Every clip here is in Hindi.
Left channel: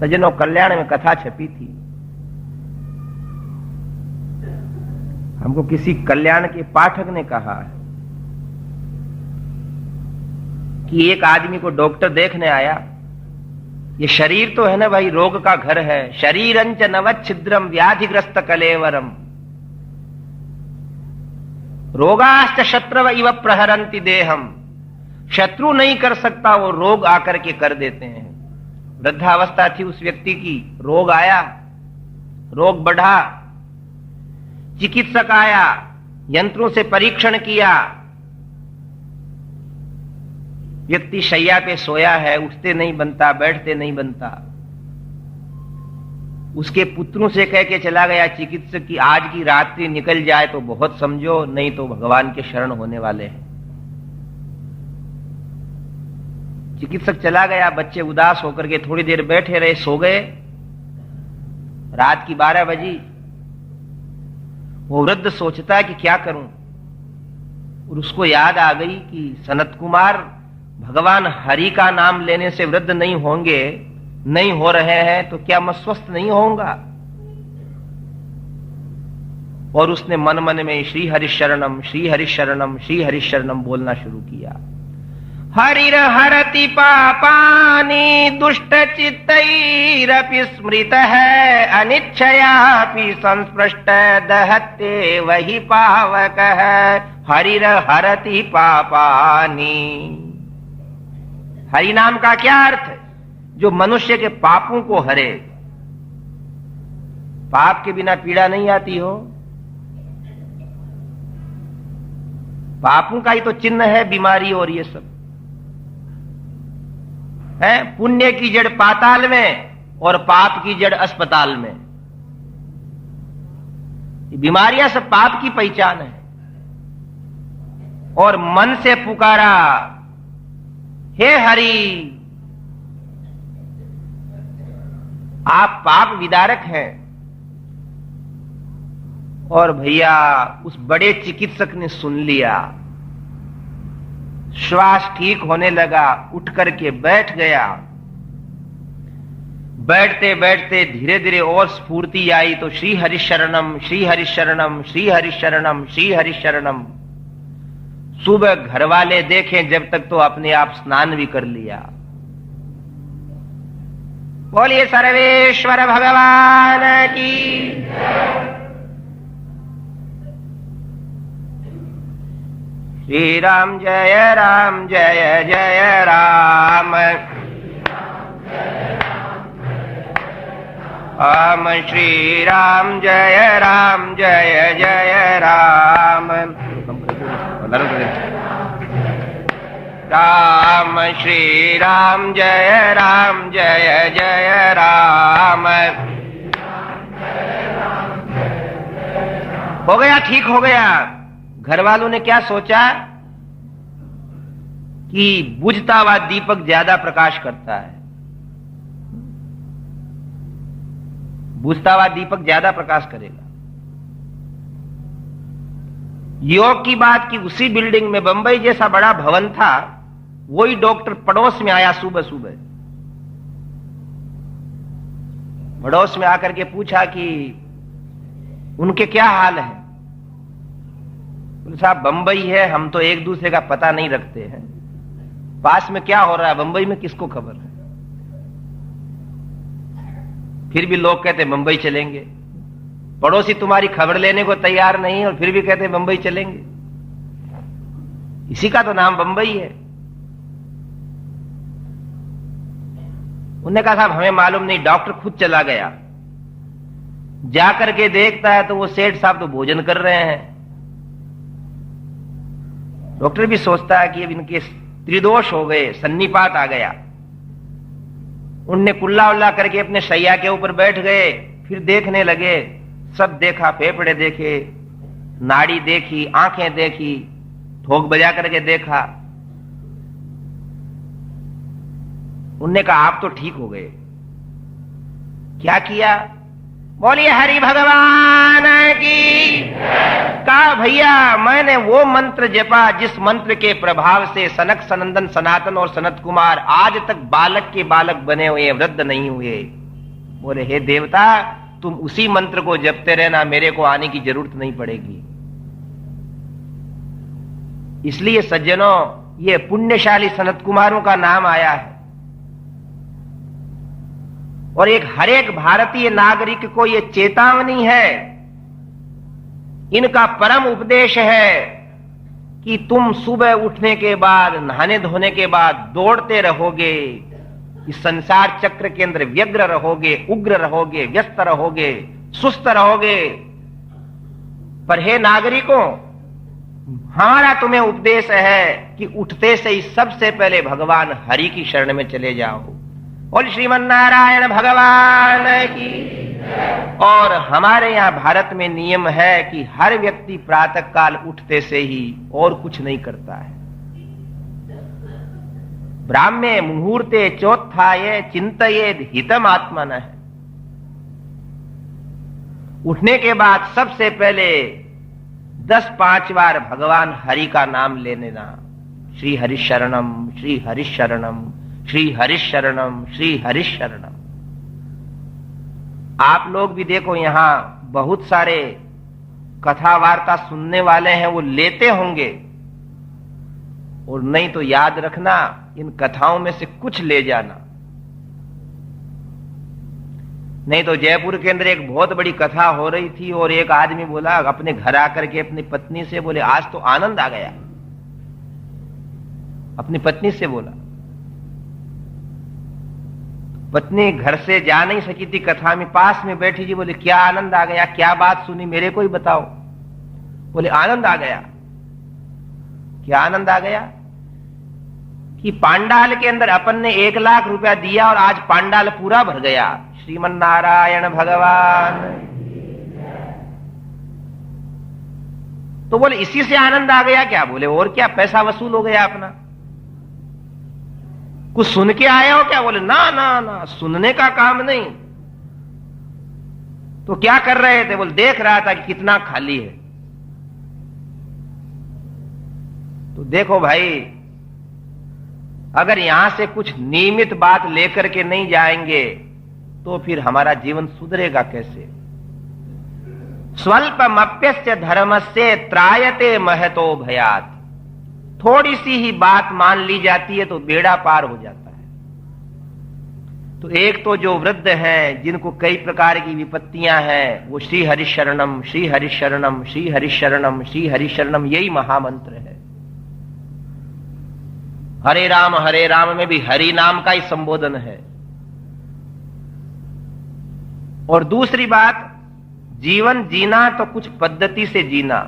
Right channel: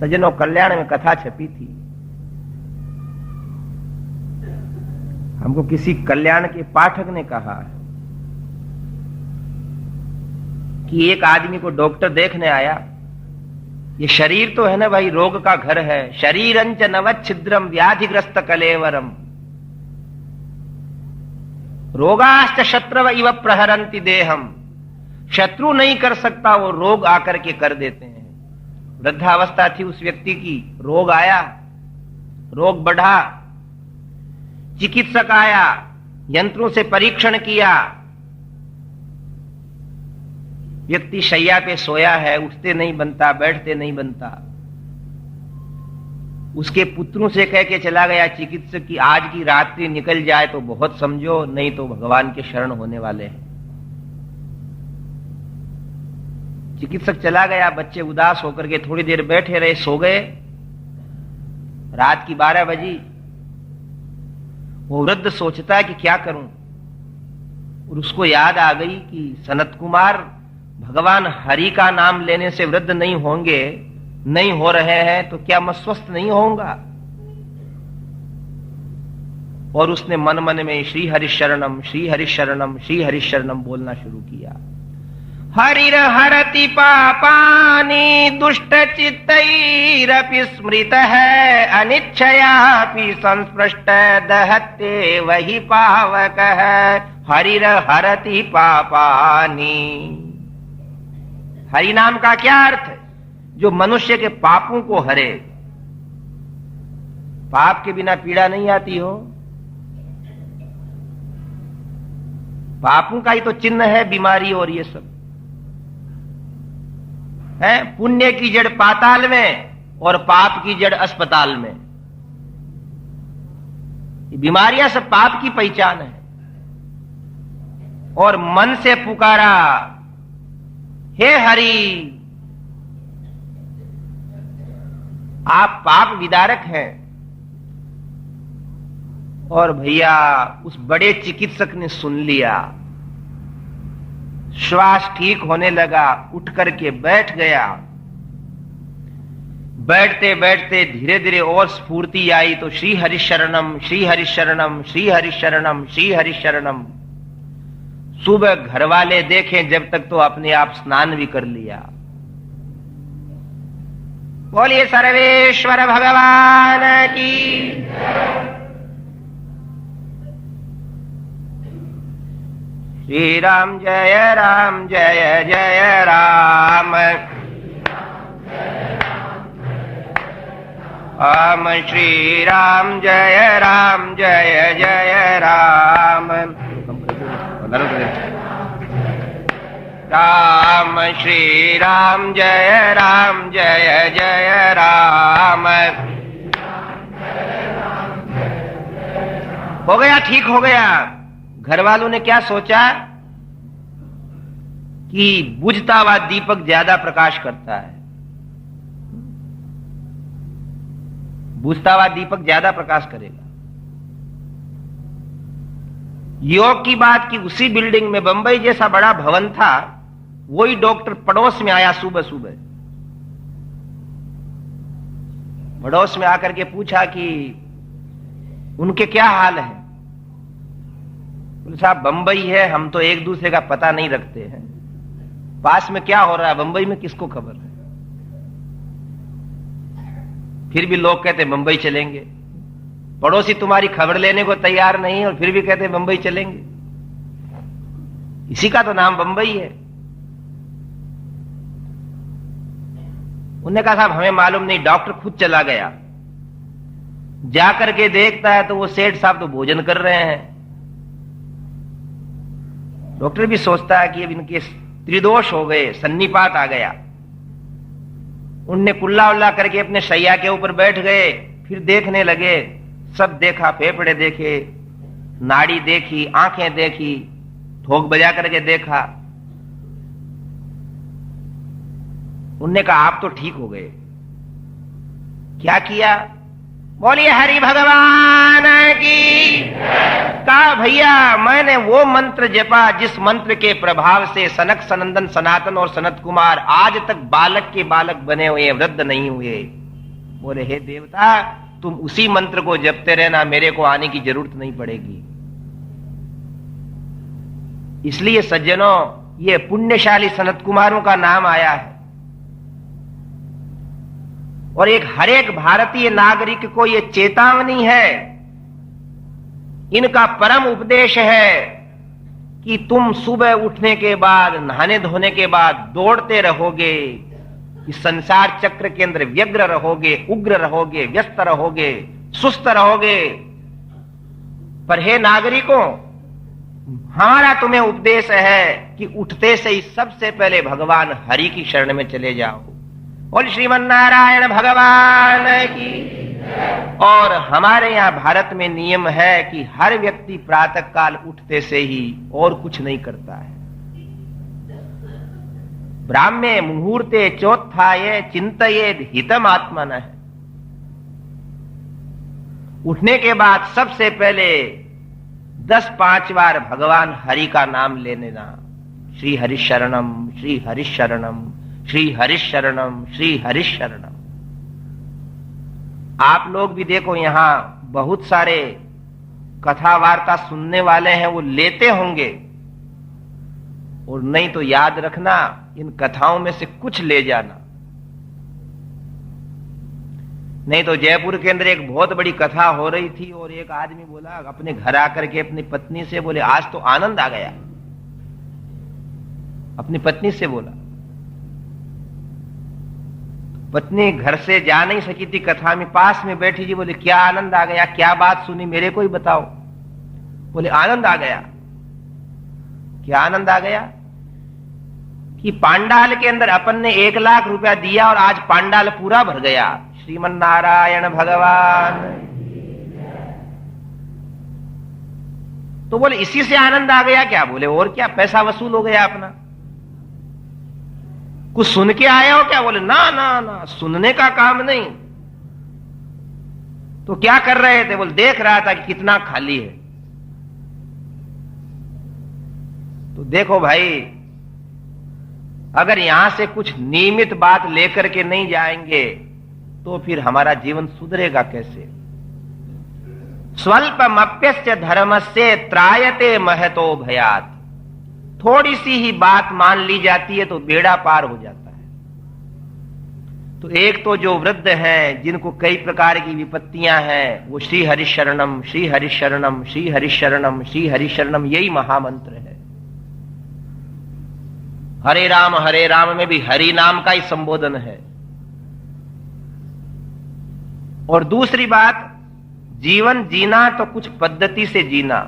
सज्जनों, कल्याण में कथा छपी थी। हमको किसी कल्याण के पाठक ने कहा कि एक आदमी को डॉक्टर देखने आया। ये शरीर तो है ना भाई, रोग का घर है। शरीरंच नवच्छिद्रम व्याधिग्रस्त कलेवरम रोगाश्च शत्रव इव प्रहरंति देहम। शत्रु नहीं कर सकता, वो रोग आकर के कर देते हैं। वृद्धावस्था थी उस व्यक्ति की, रोग आया, रोग बढ़ा, चिकित्सक आया, यंत्रों से परीक्षण किया, व्यक्ति शैया पे सोया है, उठते नहीं बनता, बैठते नहीं बनता। उसके पुत्रों से कह के चला गया चिकित्सक की आज की रात्रि निकल जाए तो बहुत समझो, नहीं तो भगवान के शरण होने वाले हैं। चिकित्सक चला गया, बच्चे उदास होकर के थोड़ी देर बैठे रहे, सो गए। रात की 12 बजी। वो वृद्ध सोचता कि क्या करूं, और उसको याद आ गई कि सनत कुमार भगवान हरि का नाम लेने से वृद्ध नहीं होंगे, नहीं हो रहे हैं, तो क्या मैं स्वस्थ नहीं होऊंगा। और उसने मन मन में श्री हरि शरणम श्री हरि शरणम श्री हरि शरणम बोलना शुरू किया। हरिर हरति पापानि दुष्ट चित्तैरपि स्मृतः अनिच्छयापि संस्पृष्ट दहते वही पावकः। हरिर हरति पापानि, हरि नाम का क्या अर्थ? जो मनुष्य के पापों को हरे। पाप के बिना पीड़ा नहीं आती हो। पापों का ही तो चिन्ह है बीमारी और ये सब है। पुण्य की जड़ पाताल में और पाप की जड़ अस्पताल में। ये बीमारियां सब पाप की पहचान है। और मन से पुकारा, हे हरि, आप पाप विदारक हैं। और भैया उस बड़े चिकित्सक ने सुन लिया, श्वास ठीक होने लगा, उठ करके बैठ गया। बैठते बैठते धीरे धीरे और स्फूर्ति आई तो श्री हरि शरणम श्री हरि शरणम श्री हरि शरणम श्री हरि शरणम। सुबह घर वाले देखें जब तक तो अपने आप स्नान भी कर लिया। बोलिए सर्वेश्वर भगवान की। श्री राम जय राम जय जय राम। राम श्री राम जय जय राम। राम श्री राम जय जय राम। हो गया, ठीक हो गया। घर वालों ने क्या सोचा कि बुझता हुआ दीपक ज्यादा प्रकाश करता है। बुझता हुआ दीपक ज्यादा प्रकाश करेगा। योग की बात की, उसी बिल्डिंग में बंबई जैसा बड़ा भवन था, वही डॉक्टर पड़ोस में आया सुबह सुबह। पड़ोस में आकर के पूछा कि उनके क्या हाल है। साहब बंबई है, हम तो एक दूसरे का पता नहीं रखते हैं। पास में क्या हो रहा है बंबई में किसको खबर है। फिर भी लोग कहते बंबई चलेंगे। पड़ोसी तुम्हारी खबर लेने को तैयार नहीं और फिर भी कहते बंबई चलेंगे। इसी का तो नाम बंबई है। उन्होंने कहा साहब हमें मालूम नहीं, डॉक्टर खुद चला गया। जाकर के देखता है तो वो सेठ साहब तो भोजन कर रहे हैं। डॉक्टर भी सोचता है कि अब इनके त्रिदोष हो गए, सन्निपात आ गया। उनने कुल्ला उल्ला करके अपने शैया के ऊपर बैठ गए। फिर देखने लगे, सब देखा, फेफड़े देखे, नाड़ी देखी, आंखें देखी, ठोक बजा करके देखा। उनने कहा आप तो ठीक हो गए। क्या किया? बोलिए हरि भगवान की। कहा भैया मैंने वो मंत्र जपा जिस मंत्र के प्रभाव से सनक सनंदन सनातन और सनत कुमार आज तक बालक के बालक बने हुए, वृद्ध नहीं हुए। बोले हे देवता, तुम उसी मंत्र को जपते रहना, मेरे को आने की जरूरत नहीं पड़ेगी। इसलिए सज्जनों, ये पुण्यशाली सनत कुमारों का नाम आया है और हर एक भारतीय नागरिक को ये चेतावनी है, इनका परम उपदेश है कि तुम सुबह उठने के बाद, नहाने धोने के बाद दौड़ते रहोगे, इस संसार चक्र के अंदर व्यग्र रहोगे, उग्र रहोगे, व्यस्त रहोगे, सुस्त रहोगे। पर हे नागरिकों, हमारा तुम्हें उपदेश है कि उठते से ही सबसे पहले भगवान हरि की शरण में चले जाओ। बोल श्रीमन नारायण भगवान की। और हमारे यहाँ भारत में नियम है कि हर व्यक्ति प्रातः काल उठते से ही और कुछ नहीं करता है। ब्राह्मे मुहूर्ते चोत्थाये चिंतयेद हितम आत्मनः। उठने के बाद सबसे पहले 10-5 बार भगवान हरि का नाम लेने ना। श्री हरि शरणम, श्री हरि शरणम, श्री हरि शरणम, श्री हरि शरणम। आप लोग भी देखो, यहां बहुत सारे कथा वार्ता सुनने वाले हैं, वो लेते होंगे, और नहीं तो याद रखना, इन कथाओं में से कुछ ले जाना। नहीं तो जयपुर के अंदर एक बहुत बड़ी कथा हो रही थी और एक आदमी बोला अपने घर आकर के अपनी पत्नी से, बोले आज तो आनंद आ गया। अपनी पत्नी से बोला, पत्नी घर से जा नहीं सकी थी, कथा में पास में बैठी थी। बोले क्या आनंद आ गया, क्या बात सुनी, मेरे को ही बताओ। बोले आनंद आ गया। क्या आनंद आ गया? कि पांडाल के अंदर अपन ने 1 लाख रुपया दिया और आज पांडाल पूरा भर गया। श्रीमन नारायण भगवान। तो बोले इसी से आनंद आ गया क्या? बोले और क्या, पैसा वसूल हो गया अपना। कुछ सुन के आया हो क्या? बोले ना ना ना, सुनने का काम नहीं। तो क्या कर रहे थे? बोले देख रहा था कि कितना खाली है। तो देखो भाई, अगर यहां से कुछ नियमित बात लेकर के नहीं जाएंगे तो फिर हमारा जीवन सुधरेगा कैसे? स्वल्पमप्यस्य धर्मस्य त्रायते महतो भयात्। थोड़ी सी ही बात मान ली जाती है तो बेड़ा पार हो जाता है। तो एक तो जो वृद्ध हैं, जिनको कई प्रकार की विपत्तियां हैं, वो श्री हरि शरणम, श्री हरि शरणम, श्री हरि शरणम, श्री हरि शरणम, यही महामंत्र है। हरे राम में भी हरि नाम का ही संबोधन है। और दूसरी बात, जीवन जीना तो कुछ पद्धति से जीना।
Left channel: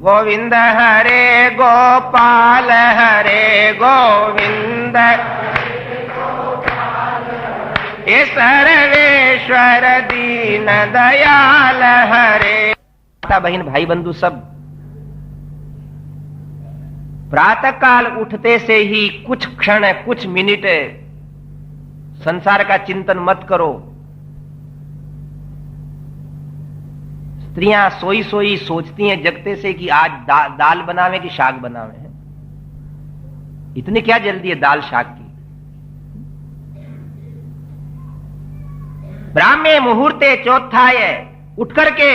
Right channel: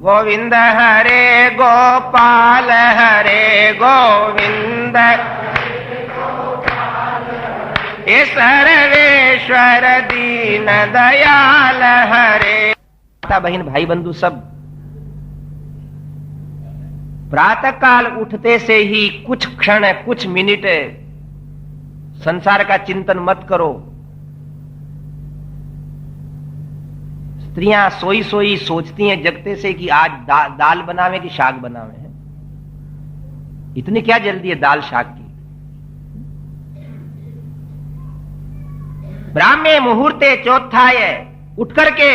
गोविंद हरे गोपाल हरे गोविंद, ये सर्वेश्वर दीन दयाल हरे। माता बहन भाई बंधु सब, प्रातः काल उठते से ही कुछ क्षण, कुछ मिनट संसार का चिंतन मत करो। स्त्रियां सोई सोई सोचती हैं जगते से कि आज दाल बनावे कि शाक बनावे हैं। इतनी क्या जल्दी है दाल शाक की? ब्राह्मे मुहूर्ते चौथाय, उठ करके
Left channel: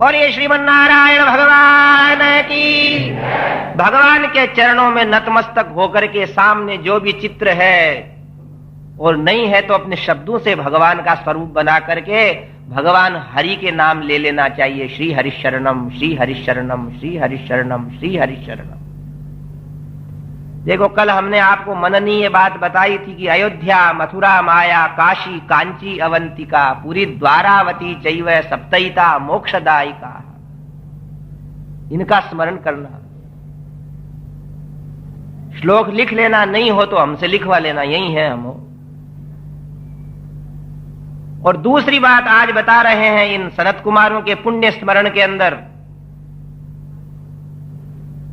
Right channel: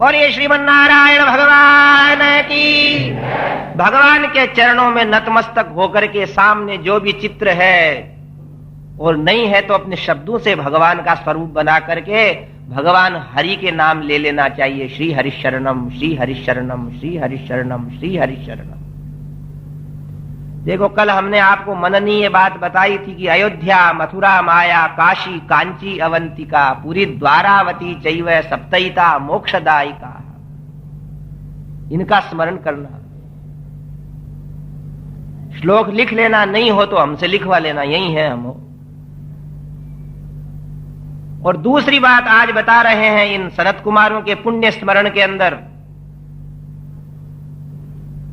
और ये श्रीमन नारायण भगवान की, भगवान के चरणों में नतमस्तक होकर के सामने जो भी चित्र है, और नहीं है तो अपने शब्दों से भगवान का स्वरूप बना करके भगवान हरि के नाम ले लेना चाहिए। श्री हरि शरणम, श्री हरि शरणम, श्री हरि शरणम, श्री हरि शरणम। देखो, कल हमने आपको मननीय बात बताई थी कि अयोध्या, मथुरा, माया, काशी, कांची, अवंतिका, पूरी द्वारावती चैव सप्तैता मोक्षदायिका, इनका स्मरण करना। श्लोक लिख लेना, नहीं हो तो हमसे लिखवा लेना, यही है हम। और दूसरी बात आज बता रहे हैं इन सनत कुमारों के पुण्य स्मरण के अंदर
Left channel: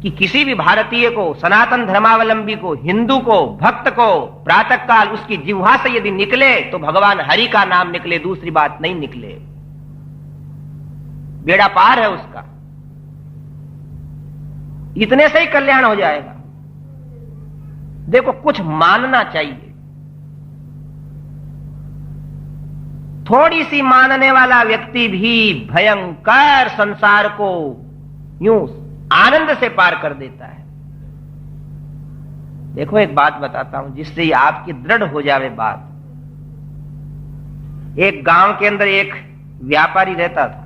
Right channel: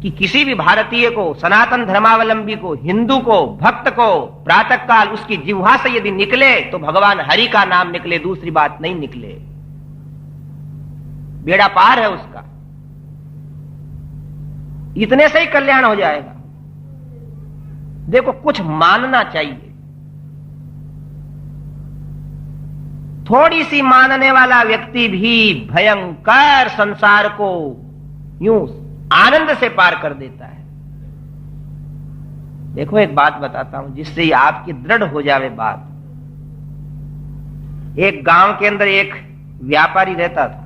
कि किसी भी भारतीय को, सनातन धर्मावलंबी को, हिंदू को, भक्त को प्रातः काल उसकी जिह्वा से यदि निकले तो भगवान हरि का नाम निकले, दूसरी बात नहीं निकले। बेड़ा पार है उसका, इतने से ही कल्याण हो जाएगा। देखो, कुछ मानना चाहिए। थोड़ी सी मानने वाला व्यक्ति भी भयंकर संसार को यूं आनंद से पार कर देता है। देखो एक बात बताता हूं जिससे आपकी दृढ़ हो जावे बात। एक गांव के अंदर एक व्यापारी रहता था,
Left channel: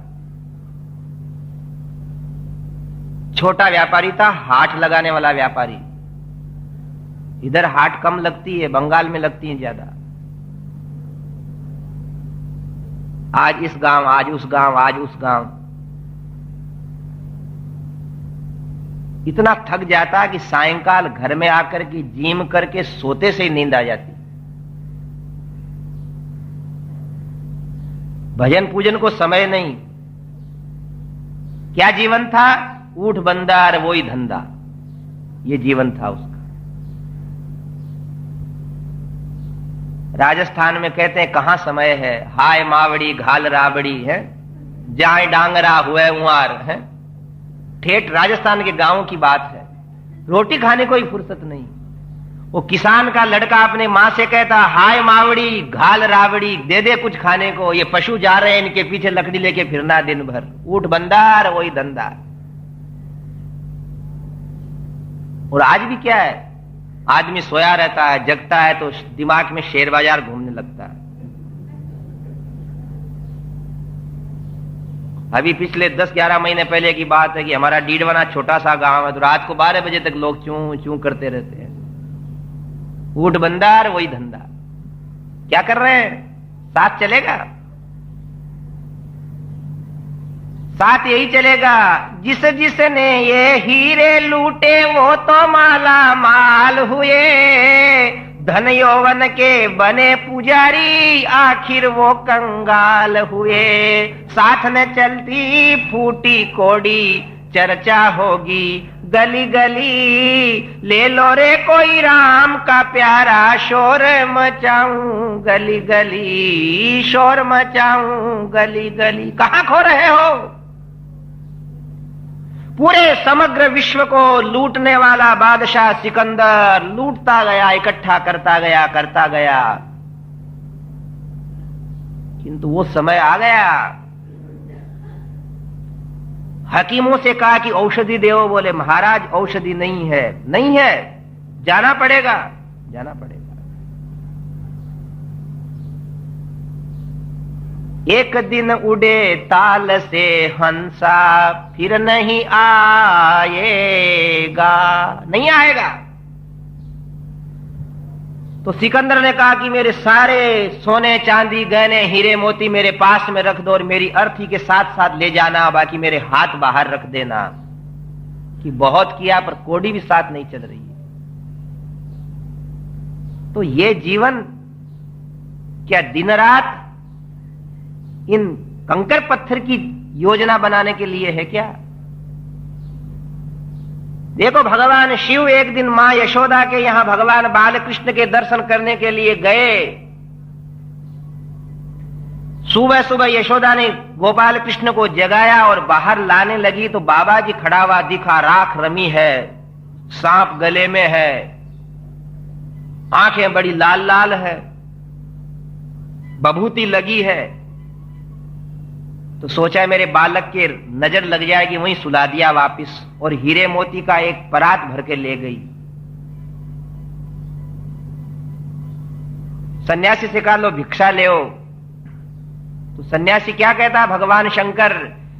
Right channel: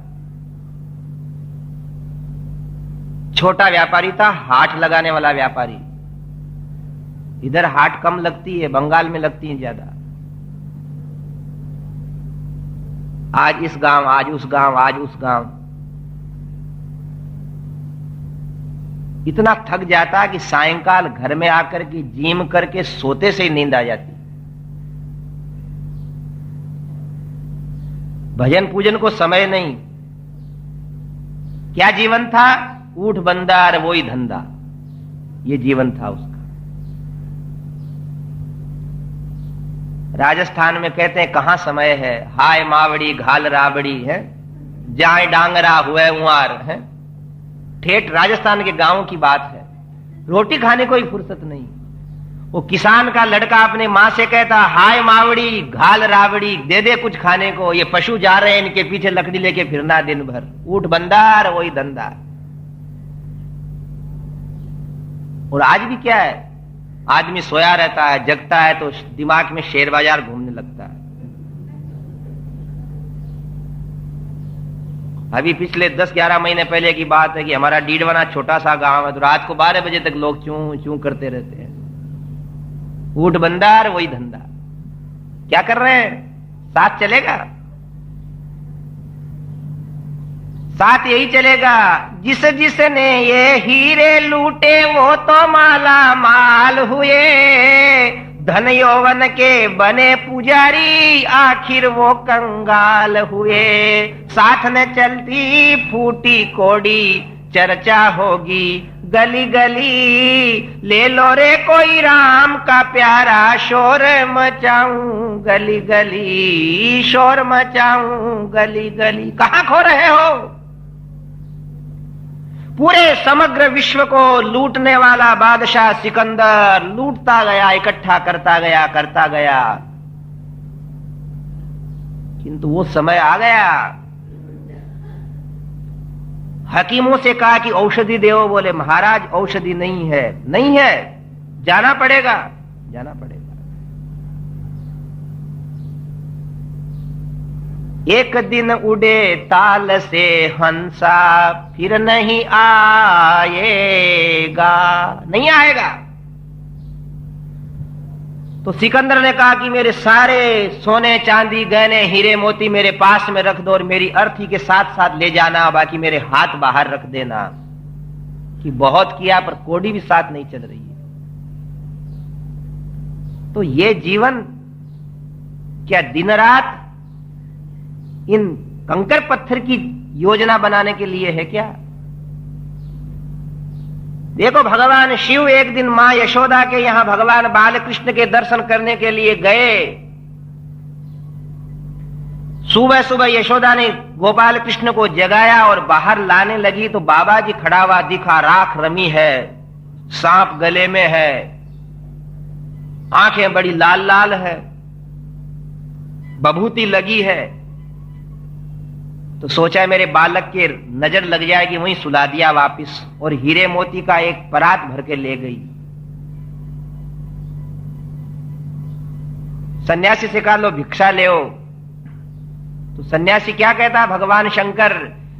छोटा व्यापारी था, हाट लगाने वाला व्यापारी। इधर हाट कम लगती है, बंगाल में लगती है ज्यादा। आज इस गांव, आज उस गांव, आज उस गांव। इतना थक जाता कि सायंकाल घर में आकर के जिम करके सोते से ही नींद आ जाती। भजन पूजन को समय नहीं। क्या जीवन था? ऊठ बंदार वही धंधा, ये जीवन था उसका। राजस्थान में कहते हैं कहां समय है, हाय मावड़ी घाल राबड़ी है, जाए डांगरा हुए उमार है। ठेठ राजस्थान के गांवों की बात है। रोटी खाने को ही फुर्सत नहीं। वो किसान का लड़का अपने मां से कहता, हाय मावड़ी घाल राबड़ी, दे दे कुछ खाने को, ये पशु जा रहे हैं, इनके पीछे लकड़ी लेके फिरना दिन भर। ऊठ बंदार वही धंधा। और आज भी क्या है, आदमी सोया रहता है, जगता है तो दिमाग में शेयर बाजार घूमने लगता है। अभी पिछले 10-11 महीने पहले की बात है कि हमारा डीडवना छोटा सा गांव है, तो रात को 12 बजे तक लोग चूं चूं करते रहते हैं। ऊठ बंदार वही धंधा। क्या कर रहे हैं? साथ चलेगा, साथ यही चलेगा। जिसने ये हीरे लूटे वो तो माला माल हुए, धन यौवन के बने पुजारी आखिर वो कंगाल हुए। साथ न चलती फूटी कोड़ी चर्चा होगी गली गली, ले लो रे कोई राम का प्यारा, शोर मचाऊं गली गली, शोर मचाऊं गली गली। कहां खो रहे हो? पूरे समग्र विश्व को लूटने वाला बादशाह सिकंदर लूटता गया, इकट्ठा करता गया, करता गया। किंतु वो समय आ गया, हकीमों से कहा कि औषधि देवो, बोले महाराज औषधि नहीं है। नहीं है, जाना पड़ेगा, जाना पड़ेगा। एक दिन उड़े ताल से हंसा, फिर नहीं आएगा, नहीं आएगा। तो सिकंदर ने कहा कि मेरे सारे सोने चांदी गहने हीरे मोती मेरे पास में रख दो और मेरी अर्थी के साथ साथ ले जाना, बाकी मेरे हाथ बाहर रख देना। कि बहुत किया पर कोड़ी भी साथ नहीं चल रही। तो ये जीवन क्या दिन रात इन कंकर पत्थर की योजना बनाने के लिए है क्या? देखो, भगवान शिव एक दिन मां यशोदा के यहां भगवान बालकृष्ण के दर्शन करने के लिए गए। सुबह सुबह यशोदा ने गोपाल कृष्ण को जगाया और बाहर लाने लगी तो बाबा जी खड़ा हुआ दिखा। राख रमी है, सांप गले में है, आंखें बड़ी लाल लाल है, बभूति लगी है। तो सोचा मेरे बालक के नजर लग जाएगी, वहीं सुला दिया वापिस और हीरे मोती का एक परात भर के ले गई। सन्यासी से कहा लो भिक्षा ले आओ। तो सन्यासी क्या कहता? भगवान शंकर,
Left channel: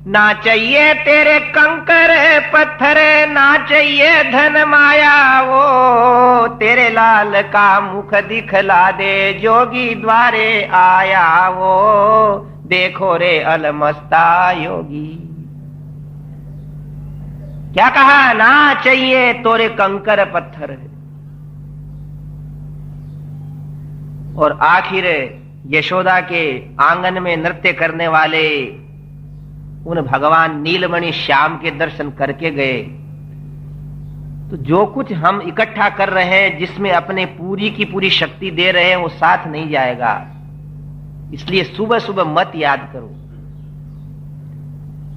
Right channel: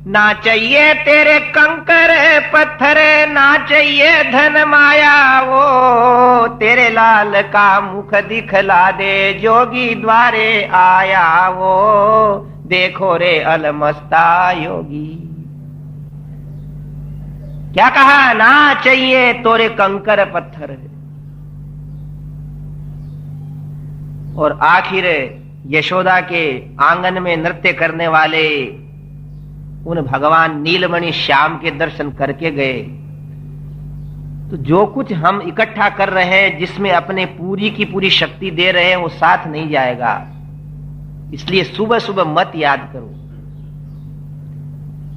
ना चाहिए तेरे कंकर पत्थर, ना चाहिए धन माया, वो तेरे लाल का मुख दिखला दे, जोगी द्वारे आया वो, देखो रे अलमस्ता योगी। क्या कहा? ना चाहिए तोरे कंकर पत्थर। और आखिर यशोदा के आंगन में नृत्य करने वाले उन भगवान नीलमणि श्याम के दर्शन करके गए। तो जो कुछ हम इकट्ठा कर रहे हैं, जिसमें अपने पूरी की पूरी शक्ति दे रहे हैं, वो साथ नहीं जाएगा। इसलिए सुबह सुबह मत याद करो।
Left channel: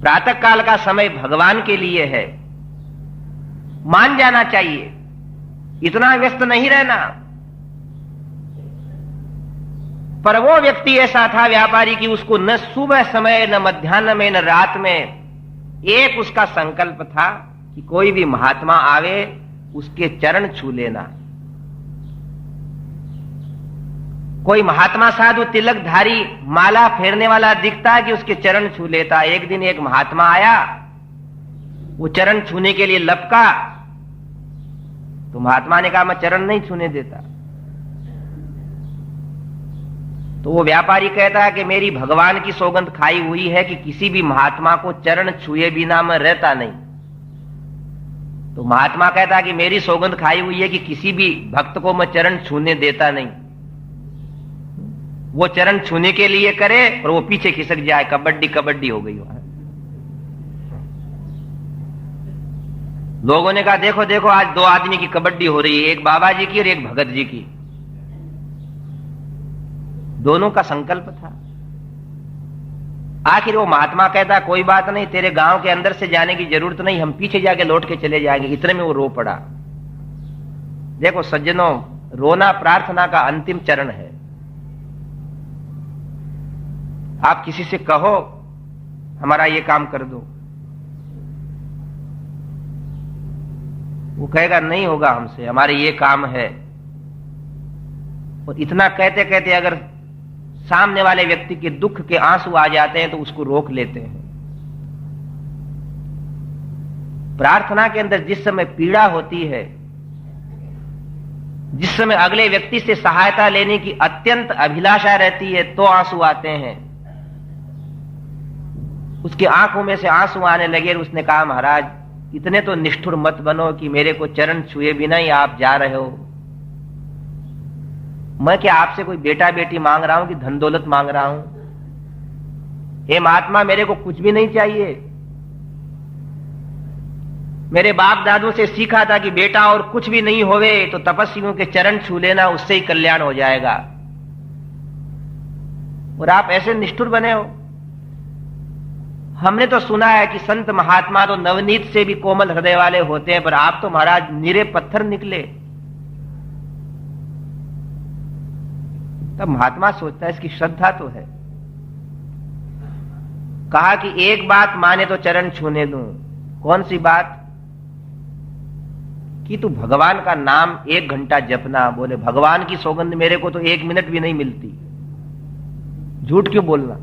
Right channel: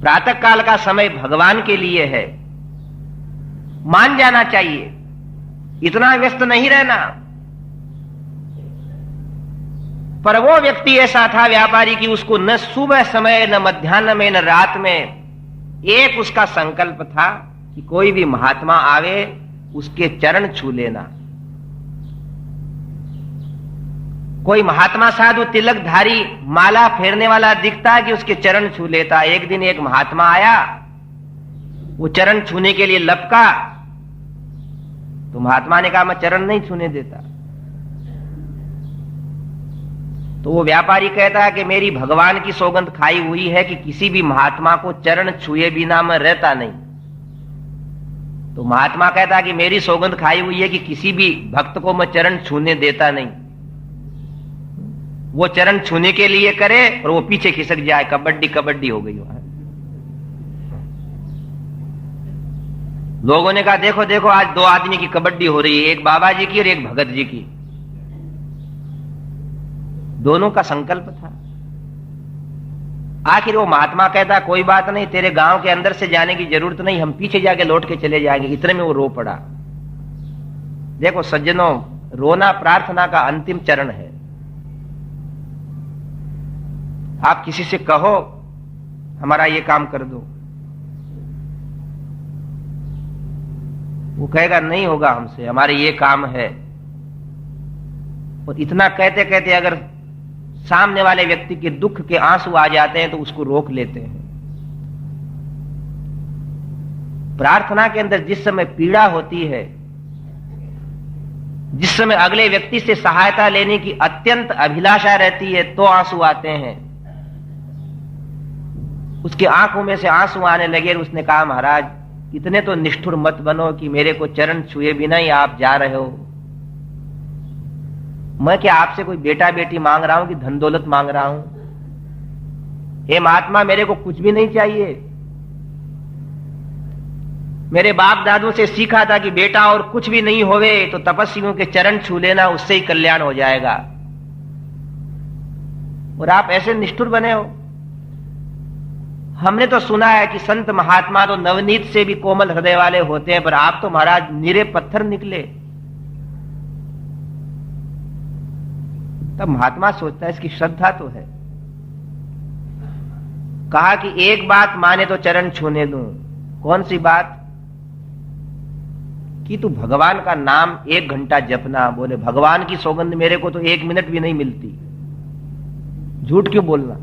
प्रातः काल का समय भगवान के लिए है, मान जाना चाहिए, इतना व्यस्त नहीं रहना। पर वो व्यक्ति ऐसा था व्यापारी कि उसको न सुबह समय, न मध्याह्न में, न रात में एक उसका संकल्प था कि कोई भी महात्मा आवे उसके चरण छू लेना। कोई महात्मा साधु तिलकधारी माला फेरने वाला दिखता कि उसके चरण छू लेता। एक दिन एक महात्मा आया, वो चरण छूने के लिए लपका, तो महात्मा ने कहा मैं चरण नहीं छूने देता। तो वो व्यापारी कहता है कि मेरी भगवान की सौगंध खाई हुई है कि किसी भी महात्मा को चरण छुए बिना मैं रहता नहीं। तो महात्मा कहता है कि मेरी सौगंध खाई हुई है कि किसी भी भक्त को मैं चरण छूने देता नहीं। वो चरण छूने के लिए करे और वो पीछे खिसक जाए, कबड्डी कबड्डी हो गई वहां। लोगों ने कहा देखो देखो आज दो आदमी की कबड्डी हो रही है, एक बाबा जी की और एक भगत जी की। दोनों का संकल्प था। आखिर वो महात्मा कहता कोई बात नहीं, तेरे गांव के अंदर से जाने की जरूरत नहीं, हम पीछे जाके लौट के चले जाएंगे। इतने में वो रो पड़ा। देखो सज्जनों, रोना प्रार्थना का अंतिम चरण है। आप किसी से कहो हमारा ये काम कर दो, वो कहेगा नहीं होगा हमसे, हमारे ये काम है। और इतना कहते कहते अगर सामने वाले व्यक्ति के दुख के आंसू आ जाते हैं तो उसको रोक लेते हैं। प्रार्थना के अंदर जिस समय पीड़ा होती है, जिस समय अगले व्यक्ति से सहायता लेने की अत्यंत अभिलाषा रहती है, तो आंसू आते हैं। उसकी आंखों में से आंसू आने लगे और उसने कहा महाराज इतने तो निष्ठुर मत बनो कि मेरे को चरण छुए बिना ही आप जा रहे हो। मैं क्या आपसे कोई बेटा बेटी मांग रहा हूं कि धन दौलत मांग रहा हूं? हे महात्मा, मेरे को कुछ भी नहीं चाहिए। मेरे बाप दादों से सीखा था कि बेटा और कुछ भी नहीं होवे तो तपस्वियों के चरण छू लेना, उससे ही कल्याण हो जाएगा। और आप ऐसे निष्ठुर बने हो। हमने तो सुना है कि संत महात्मा तो नवनीत से भी कोमल हृदय वाले होते हैं, पर आप तो महाराज निरे पत्थर निकले। तब महात्मा सोचता है इसकी श्रद्धा तो है। कहा कि एक बात माने तो चरण छूने दूं। कौन सी बात? कि तू भगवान का नाम 1 घंटा जपना। बोले भगवान की सौगंध मेरे को तो 1 मिनट भी नहीं मिलती, झूठ क्यों बोलना?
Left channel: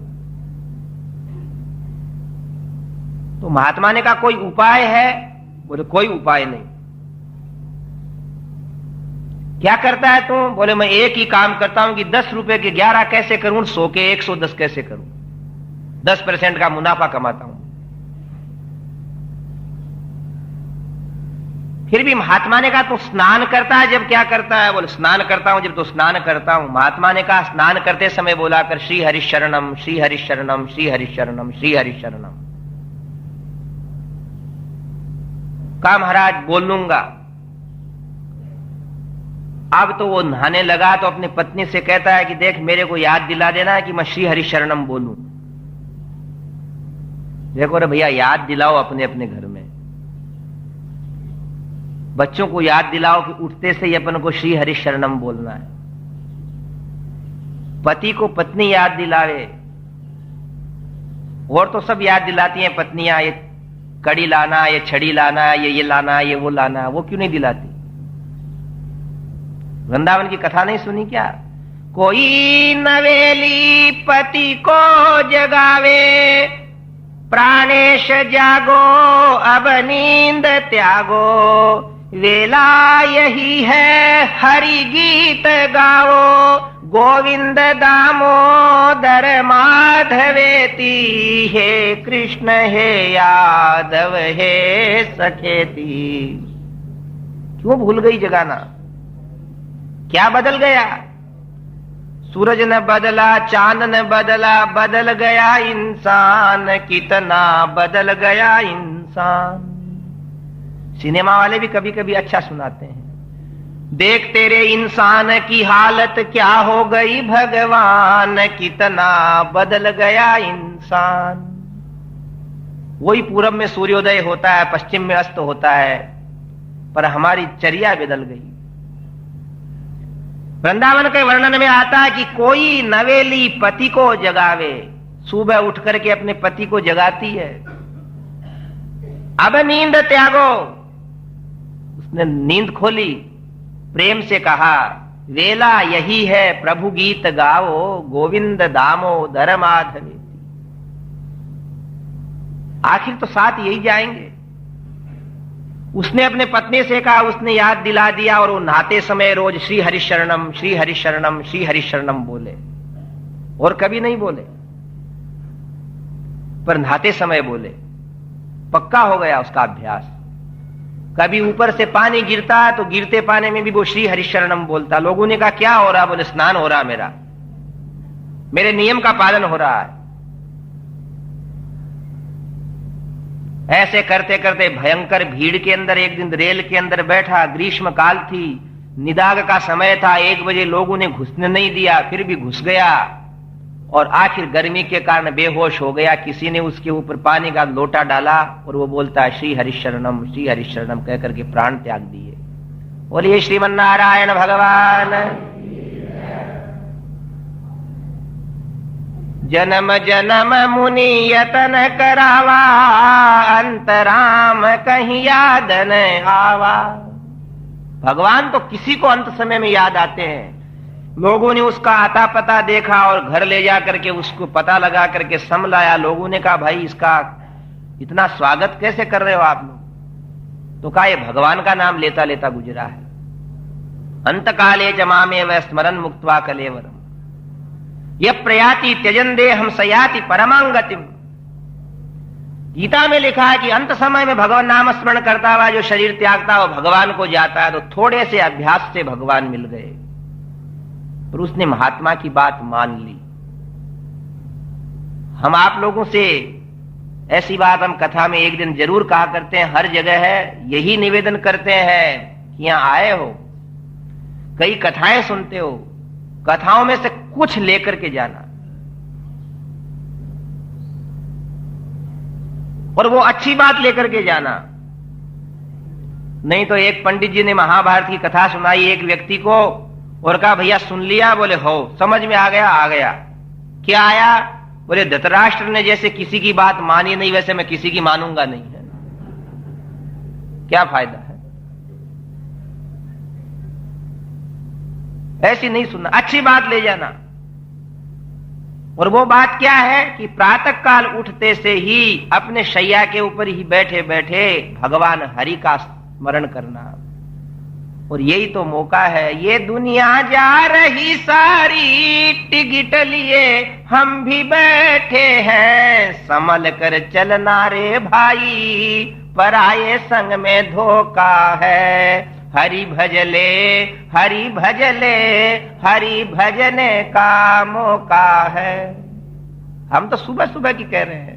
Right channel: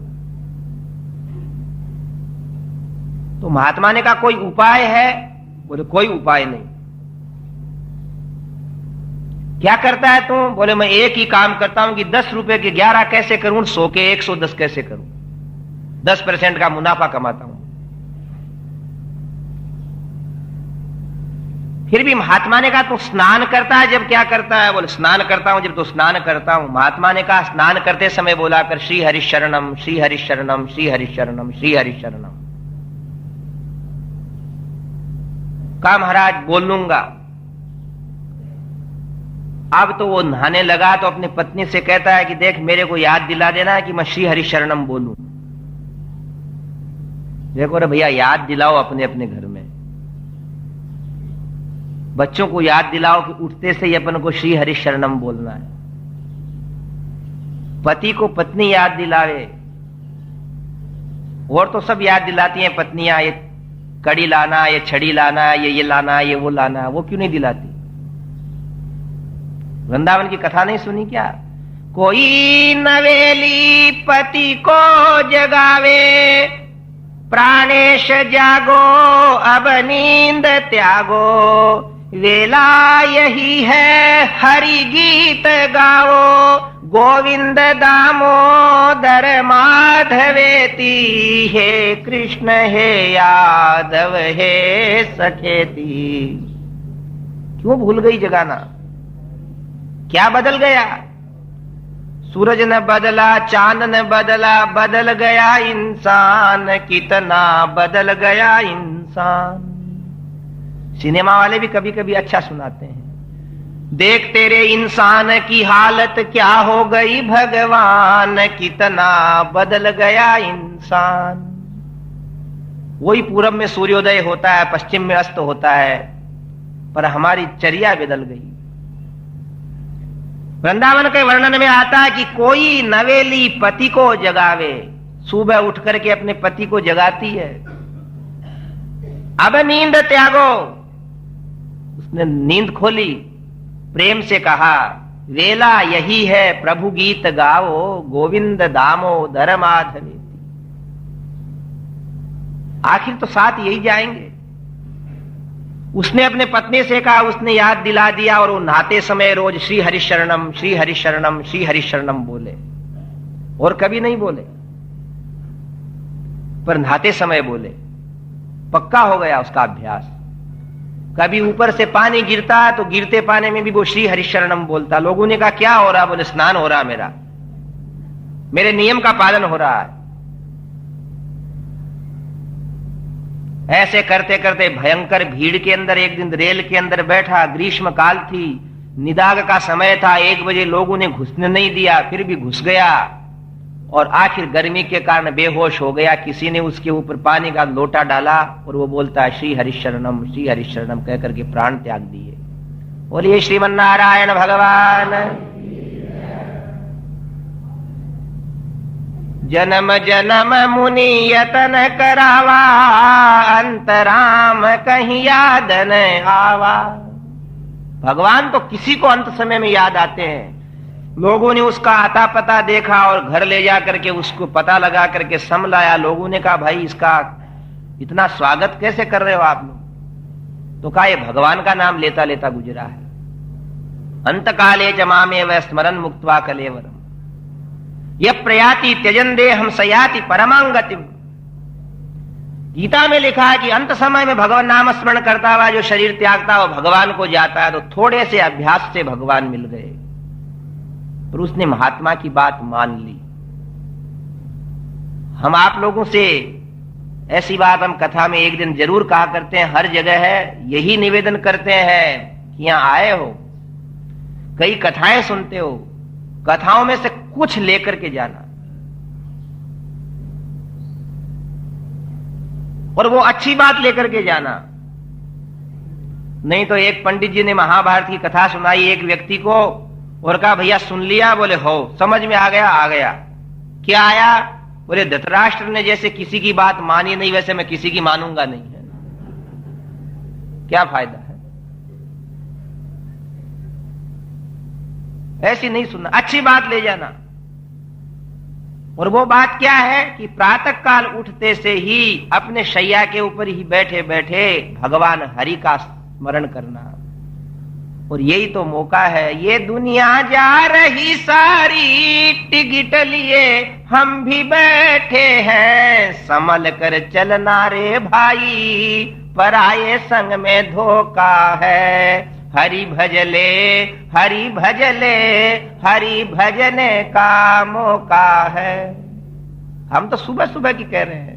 तो महात्मा ने कहा कोई उपाय है? बोले कोई उपाय नहीं। क्या करता है तू? बोले मैं एक ही काम करता हूं कि 10 रुपए के 11 कैसे करूं, 100 के 110 कैसे करूं, 10% का मुनाफा कमाता हूं। फिर भी महात्मा ने कहा तू स्नान करता है जब क्या करता है? बोले स्नान करता हूं जब तो स्नान करता हूं। महात्मा ने कहा स्नान करते समय बोला कर श्री हरि शरणम, श्री हरि शरणम, श्री हरि शरणम, श्री हरि शरणम। कहा महाराज बोल लूंगा। अब तो वो नहाने लगा तो अपनी पत्नी से कहता है कि देख मेरे को याद दिला देना है कि मैं श्री हरि शरणम बोलूं। देखो रे भैया, याद दिलाओ अपने अपने घर में। बच्चों को याद दिलाओ कि उठते से ही अपन को श्री हरि शरणम बोलना है। पति को पत्नी याद दिलावे। और तो सब याद दिलाती हैं पत्नियां, ये कड़ी लाना, ये छड़ी लाना, ये लाना, ये वो लाना। वो क्यों नहीं दिलाती? वृंदावन की कथा नहीं सुनी क्या? कोई नवेली पति को जगावे, प्राणेश जागो अब नींद त्यागो, वेला यही है हरि गीत गाओ, गोविंद दामोदर माधवेती, हे कृष्ण हे यादव हे सखेती। क्यों भूल गई जगाना? क्या बदल गया? सूरज न बदला, चांद न बदला, बदल गया इंसान। कितना बदल गया इंसान। सिनेमा वाले भी कभी कभी अच्छा सुनाते हैं। देख तेरे इंसान की हालत क्या हो गई भगवान, कितना बदल गया इंसान। वही पूरब में सूर्योदय होता है, पश्चिम में अस्त होता है, पर हमारी चर्या बदल गई। वृंदावन के वर्णन में आता है कि कोई नवेली पति को जगावे, सुबह उठ करके अपने पति को जगाती है। अब नींद त्यागो, उसने नींद खोली, प्रेम से कहा वेला यही है प्रभु गीत गाओ, गोविंद दामोदर माधव। आखिर तो साथ यही जाएंगे। उसने अपने पत्नी से कहा, उसने याद दिला दिया, और वो नहाते समय रोज श्री हरिशरणम श्री हरिशरणम श्री हरिशरणम बोले, और कभी नहीं बोले, पर नहाते समय बोले। पक्का हो गया उसका अभ्यास। कभी ऊपर से पानी गिरता तो गिरते पानी में भी वो श्री हरिशरणम बोलता। लोगों ने कहा क्या हो रहा? बोले स्नान हो रहा, मेरे नियम का पालन हो रहा है। ऐसे करते करते भयंकर भीड़ के अंदर एक दिन रेल के अंदर बैठा, ग्रीष्म काल थी, निदाग का समय था, 1 बजे लोगों ने घुसने नहीं दिया, फिर भी घुस गया, और आखिर गर्मी के कारण बेहोश हो गया। किसी ने उसके ऊपर पानी का लोटा डाला और वो बोलता है श्री हरिशरणम कह करके प्राण त्याग दिए। बोलिए श्रीमन नारायण भगवान। जन्म जन्म मुनि यतन करावा, अंतराम कहीं याद न आवा। भगवान तो किसी को अंत समय में याद आते हैं। लोगों ने उसका आता पता देखा और घर ले जा करके उसको पता लगा करके समलाया। लोगों ने कहा भाई इसका इतना स्वागत कैसे कर रहे हो आप लोग? तो कहा ये भगवान का नाम लेता लेता गुजरा है। अंत काले च मामेव स्मरन् मुक्त्वा कलेवरम, यह प्रयाति त्यजन दे हम सयाति परमांगतिम। गीता में लिखा है कि अंत समय में भगवान नाम स्मरण करता हुआ जो शरीर त्यागता है वो भगवान को जाता है। तो थोड़े से अभ्यास से भगवान मिल गए और उसने महात्मा की बात मान ली। हम आप लोगों से ऐसी बात हम कथा में एक दिन जरूर कहा करते हैं, हर जगह है, यही निवेदन करते हैं। यहां आए हो, कई कथाएं सुनते हो, कथाओं में से कुछ लेकर के जाना, और वो अच्छी बात लेकर के जाना। नहीं तो एक पंडित जी ने महाभारत की कथा सुनाई एक व्यक्ति को और कहा भैया सुन लिया? बोले हो, समझ में आ गया। क्या आया? बोले धृतराष्ट्र ने जैसे किसी की बात मानी नहीं वैसे मैं किसी की मानूंगा नहीं। है क्या फायदा है? ऐसी नहीं सुनना, अच्छी बात ले जाना। और वो बात क्या है कि प्रातः काल उठते से ही अपने शैया के ऊपर ही बैठे बैठे भगवान हरि का स्मरण करना। और यही तो मौका है। ये दुनिया जा रही सारी टिकट लिए, हम भी बैठे हैं संभल कर चलना रे भाई, पराये संग में धोखा है। हरि भजले हरि भजले हरि भजने का मौका है। हम तो सुबह सुबह की कह रहे हैं।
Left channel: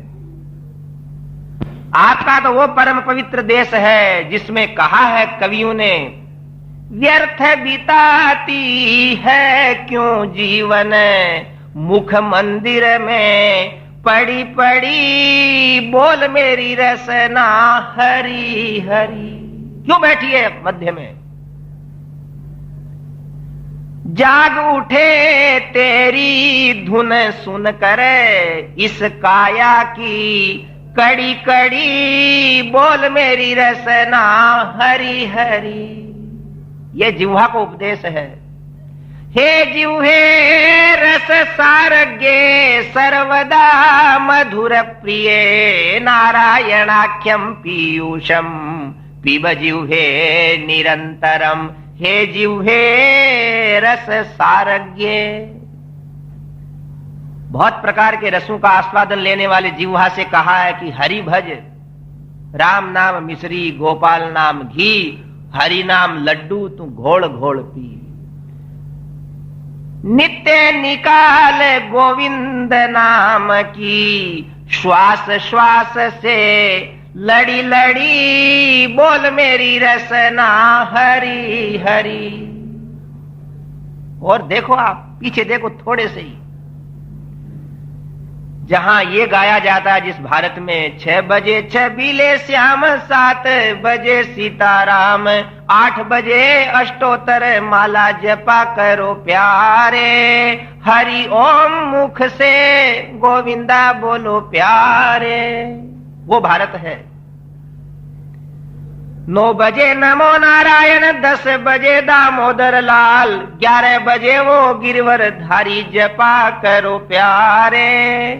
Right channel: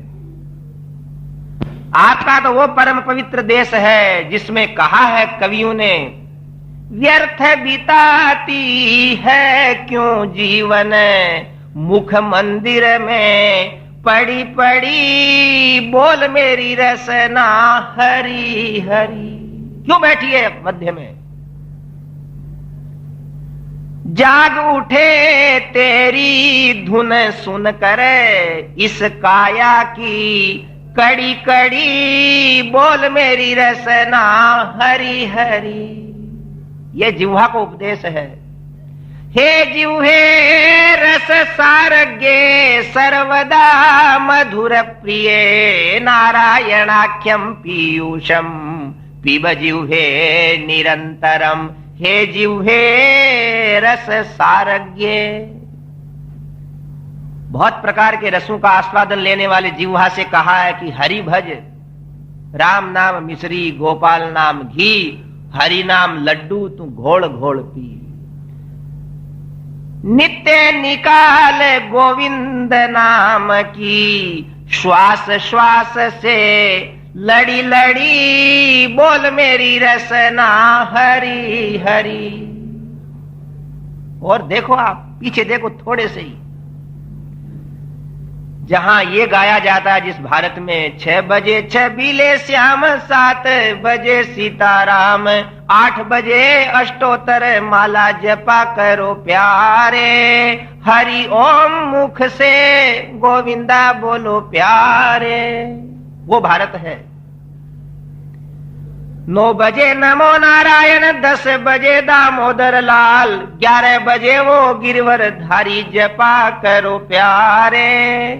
आपका तो वो परम पवित्र देश है जिसमें कहा है कवियों ने, व्यर्थ बिताती है क्यों जीवन, मुख मंदिर में पड़ी पड़ी, बोल मेरी रसना हरि हरि। क्यों बैठी है मध्य में? जाग उठे तेरी धुन सुन कर, इस काया की कड़ी कड़ी, बोल मेरी रसना हरि हरि। ये जिह्वा को उपदेश है। हे जिह्वे रस सारगे सर्वदा मधुर प्रिय, नारायणाख्यम पीयूषम पिब जिह्वे निरंतरम। हे जिह्वे रस सारज्ञे। बहुत प्रकार के रसों का आस्वादन लेने वाले जिह्वा से कहा है कि हरि भज, राम नाम मिश्री गोपाल नाम घी, हरि नाम लड्डू तू घोल घोल पी। नित्य निकाल गोविंद नाम की, श्वास श्वास से लड़ी लड़ी, बोल मेरी रसना हरि हरि। और देखो आप पीछे देखो थोड़े से ही, जहां ये गाया जाता है जिस भारत में 6 बजे छबीले श्याम, 7 बजे सीताराम, 8 बजे अष्टोत्तर माला जपा करो प्यारे, हरि ओम मुख से गोविंदा बोलो प्यारे, वो भारत है। 9 बजे नमो नारायण, 10 बजे दामोदर लाल, 11 बजे वो गिरवर धारी जपा करो प्यारे,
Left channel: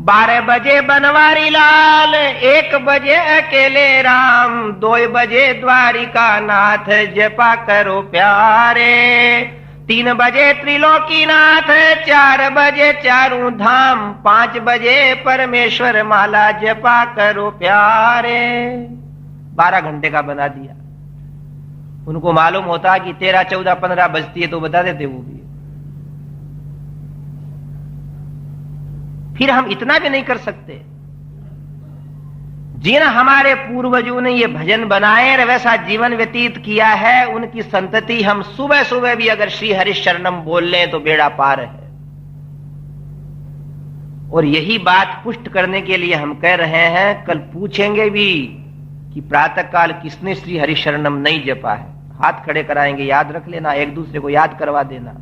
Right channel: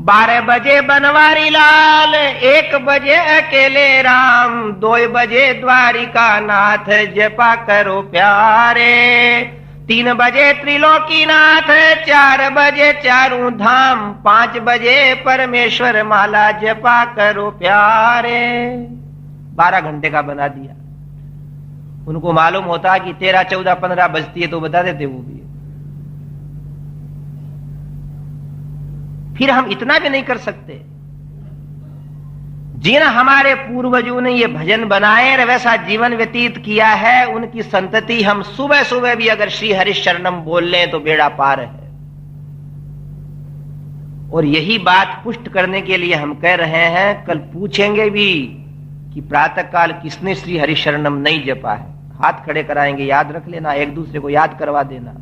12 बजे बनवारी लाल, 1 बजे अकेले राम, 2 बजे द्वारिका नाथ जपा करो प्यारे, 3 बजे त्रिलोकीनाथ, 4 बजे चारों धाम, 5 बजे परमेश्वर माला जपा करो प्यारे। 12 घंटे का बना दिया। उनको मालूम होता कि 13, 14, 15 बजती है तो बता देते वो भी। फिर हम इतना भी नहीं कर सकते। जिन हमारे पूर्वजों ने ये भजन बनाए और वैसा जीवन व्यतीत किया है, उनकी संतति हम सुबह सुबह भी अगर श्री हरि शरणम बोल लें तो बेड़ा पार है। और यही बात पुष्ट करने के लिए हम कह रहे हैं, कल पूछेंगे भी कि प्रातः काल किसने श्री हरि शरणम नहीं जपा है। हाथ खड़े कराएंगे, याद रख लेना, एक दूसरे को याद करवा देना।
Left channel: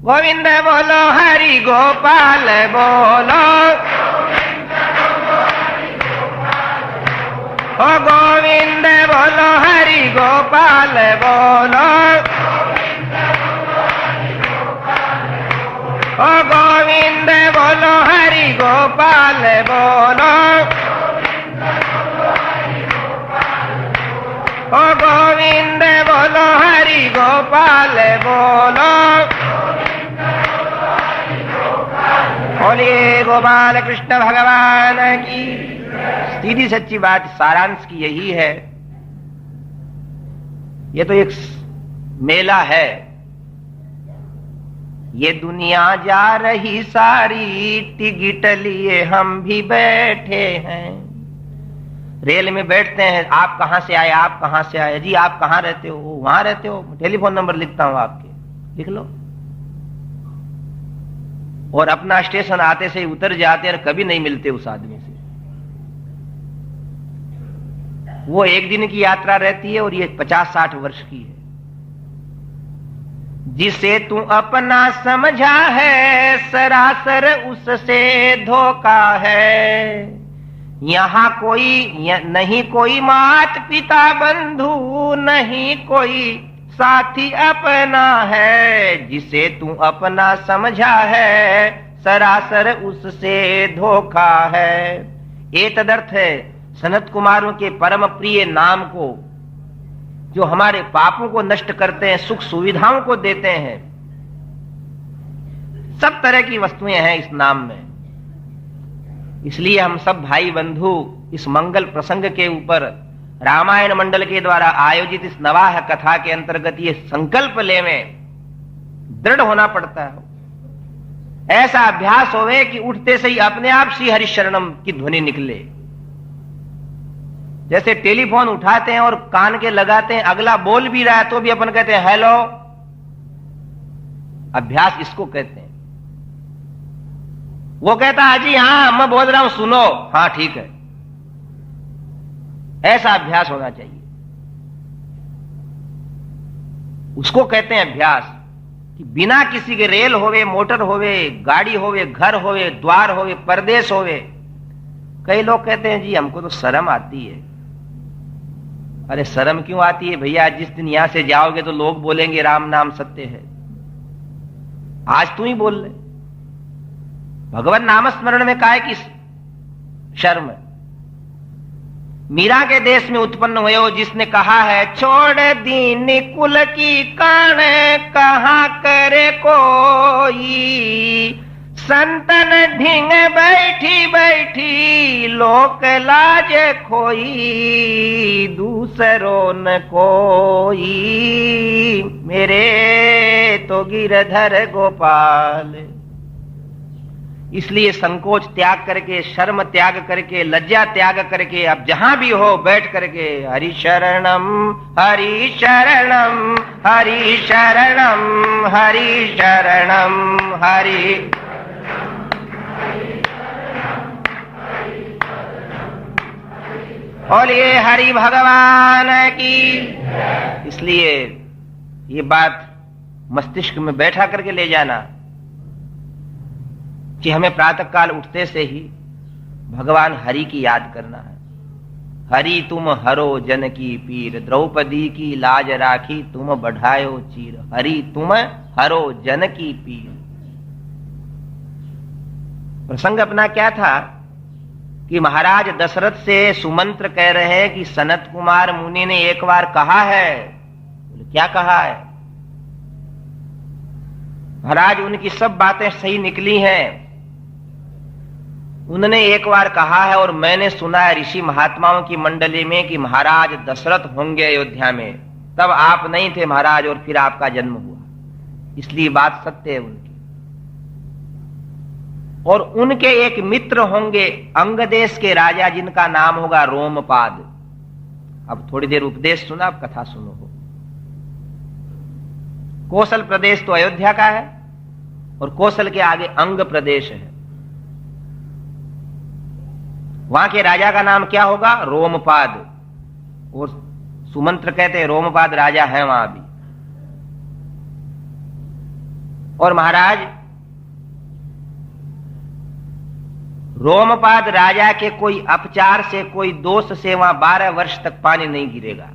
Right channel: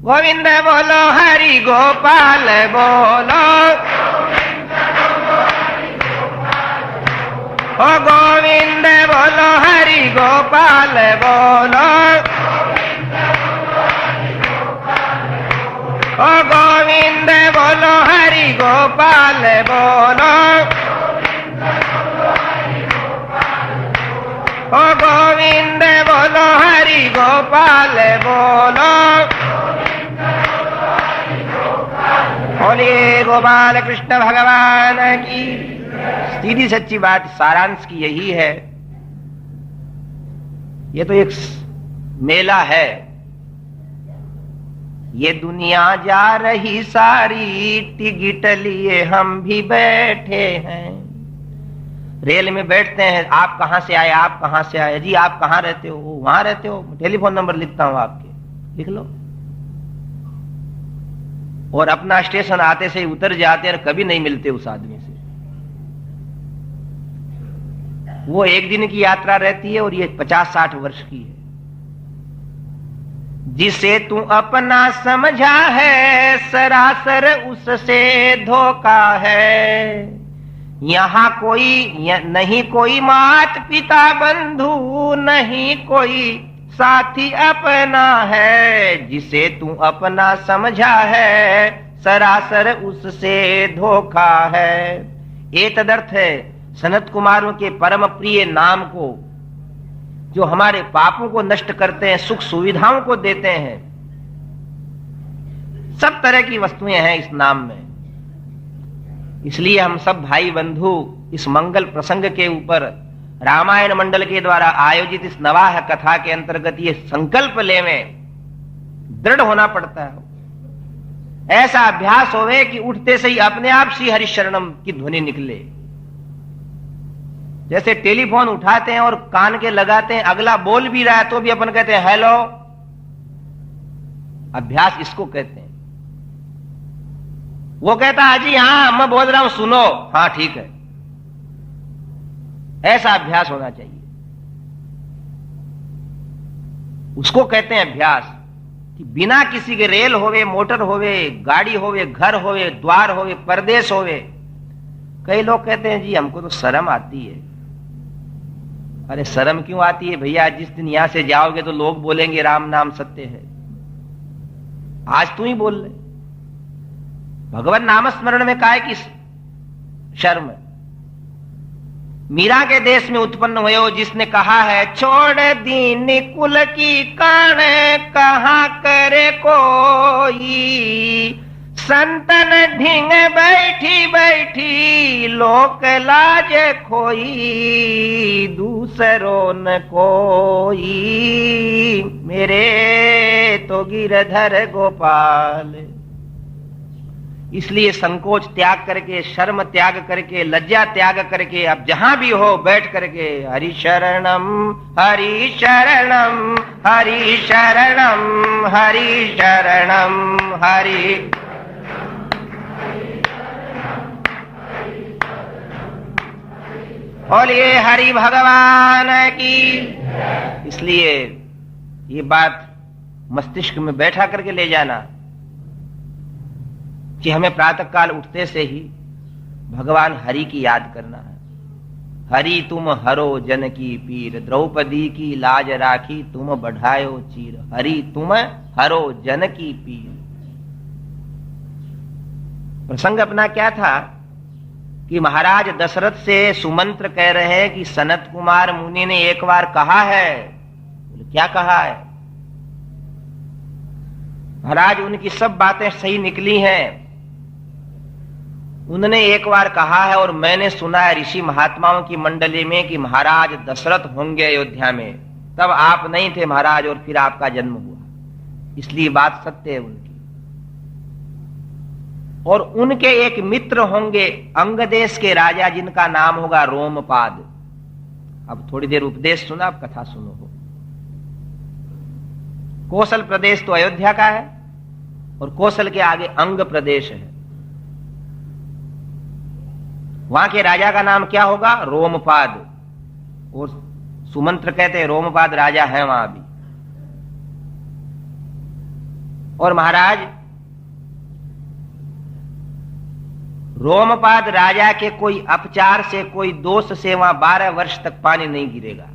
गोविंद बोलो हरि गोपाल बोलो, ओ गोविंद बोलो हरि गोपाल बोलो, ओ गोविंद बोलो हरि गोपाल बोलो, ओ गोविंद बोलो हरि गोपाल बोलो, बोले गोपाल कृष्ण भगवान की। सीधी सच्ची बात, सारांश की यही है। ये तो एक मेला है, ये दुनिया जा रही सारी, टिकट लिए हम भी बैठे हैं। रेल में बैठते हैं, आप कहां से आए, आप कहां से आए, जी आप कहां रहते हो, वहां रहते हो, टेलीफोन नंबर लिखता हूं आपके, लिख लो। और अपना स्टेशन आते से ही उतर जाते हैं, कभी नहीं मिलते उस आदमी से। वो एक दिन की यात्रा रहती है और ये 50-60 वर्ष की है। जिसे तू अपना समझा है, सरासर उससे धोखा है। यहाँ नहीं कोई मात पिता बंधु, नहीं कोई साथी अपना है। जिसे तू अपना समझा है, सरासर उससे धोखा है। ये तदर्थ है सनत कुमारों के परम प्रिय नाम को, जो हमारे पापों को नष्ट करते हैं, सुख सुविधाओं को देते हैं। सब तरह की वस्तुएं हैं इस नाम में। इसलिए हम सब भाई बंधु इस मंगल प्रसंग के ऊपर रामायण मंडल के द्वारा आयोजित इस नवाह कथा के अंतर्गत ये संकल्प लेवें, दृढ़ होना पड़ता है। ऐसा अभ्यास होवे कि उठते से ही अपने आप श्री हरि शरणम की ध्वनि निकले। जैसे टेलीफोन उठाते हैं और कान के लगाते हैं, अगला बोल भी रहा है तो भी अपन कहते हैं हेलो। अभ्यास इसको कहते हैं। वो कहता है जी हाँ मैं बोल रहा हूं सुनो, हाँ ठीक है। ऐसा अभ्यास होना चाहिए। उसको कहते हैं अभ्यास। कि बिना किसी के रेल होवे, मोटर होवे, गाड़ी होवे, घर होवे, द्वार होवे, परदेश होवे। कई लोग कहते हैं जी हमको तो शर्म आती है। अरे शर्म क्यों आती है भैया? जिस दिन यहां से जाओगे तो लोग बोलेंगे राम नाम सत्य है। आज तू ही बोल ले। भगवान नाम स्मरण में काहे की शर्म? मीरा के देश में उत्पन्न हुए हो, जिसने कहा है छोड़ दीन कुल की कण कहां करे कोई, संतन ढींग बैठी बैठी लोक लाज खोई, दूसरों न कोई मेरे तो गिरधर गोपाल। इसलिए संकोच त्याग करके, शर्म त्याग करके, लज्जा त्याग करके अब जहां भी हो बैठ करके हरि शरणम हरि शरणम हरि शरणम हरि शरणम हरि बोलिए हरि भगवान की। इसलिए ये बात मस्तिष्क में बैठा करके ले जाना कि हमें प्रातः काल उठते से ही भगवान हरि की याद करना है। हरि तुम हरो जन की पीर, द्रौपदी की लाज राखी तुम बढ़ायो चीर। हरि तुम हरो जन की पीर। प्रसंग अपना क्या था कि महाराज दशरथ से सुमंत्र कह रहे हैं कि सनत कुमार मुनि ने एक बार कहा है। क्या कहा है? महाराज उनकी सब बातें सही निकली हैं। उन्होंने एक बार कहा है और मैंने सुना है ऋषि महात्माओं की मंडली में कि महाराज दशरथ होंगे अयोध्या में। तब आप नहीं थे महाराज और फिर आपका जन्म हुआ, इसलिए बात सत्य है उनकी। और उनके एक मित्र होंगे अंग देश के राजा जिनका नाम होगा रोमपाद। अब थोड़ी देर उपदेश सुना, अब कथा सुनो। हो कौशल प्रदेश तो अयोध्या का है और कौशल के आगे अंग प्रदेश है। वहां के राजा का नाम क्या होगा? रोमपाद। और सुमंत्र कहते हैं रोमपाद राजा है वहां भी। और महाराज रोमपाद राजा के कोई अपचार से, कोई दोष से वहां 12 वर्ष तक पानी नहीं गिरेगा।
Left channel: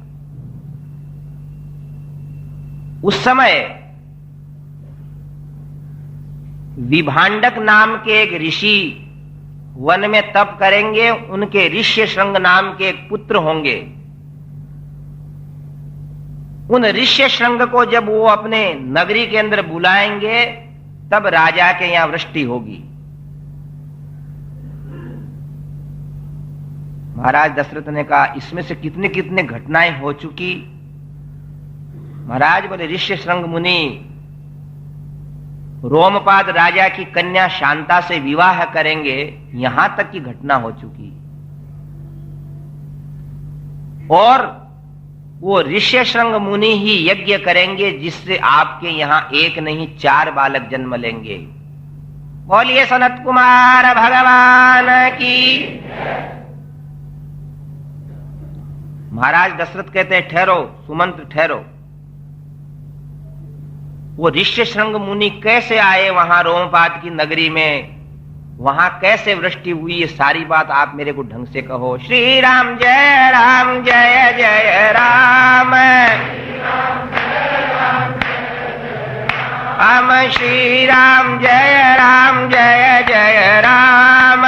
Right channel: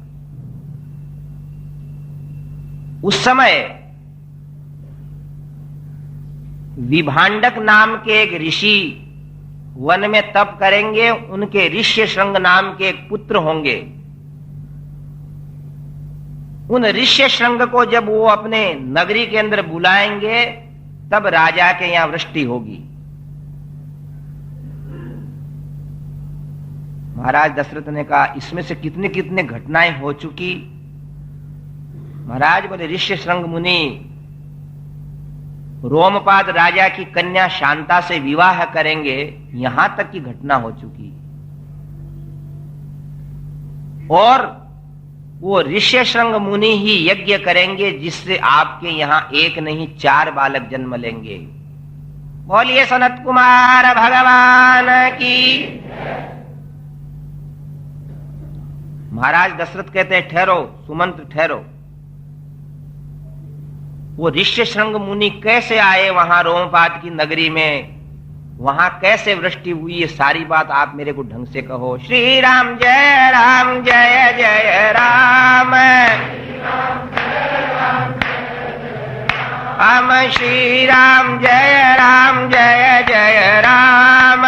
उस समय विभांडक नाम के एक ऋषि वन में तप करेंगे। उनके ऋष्य श्रृंग नाम के एक पुत्र होंगे। उन ऋष्य श्रृंग को जब वो अपने नगरी के अंदर बुलाएंगे तब राजा के यहां वृष्टि होगी। महाराज दशरथ ने कहा इसमें से कितनी कितनी घटनाएं हो चुकी। महाराज बोले ऋष्य श्रृंग मुनि रोमपाद राजा की कन्या शांता से विवाह करेंगे, यहां तक की घटना हो चुकी। और वो ऋष्य श्रृंग मुनि ही यज्ञ करेंगे जिससे आपके यहां एक नहीं 4 बालक जन्म लेंगे। बोलिए सनत कुमार भगवान की। महाराज दशरथ कहते हैं ठहरो सुमंत्र ठहरो। वो ऋष्य श्रृंग मुनि कैसे आए वहां रोमपाद की नगरी में, वहां कैसे वृष्टि हुई, ये सारी बात आप मेरे को ढंग से कहो। श्री राम जय जय राम। हम श्री राम जय जय राम।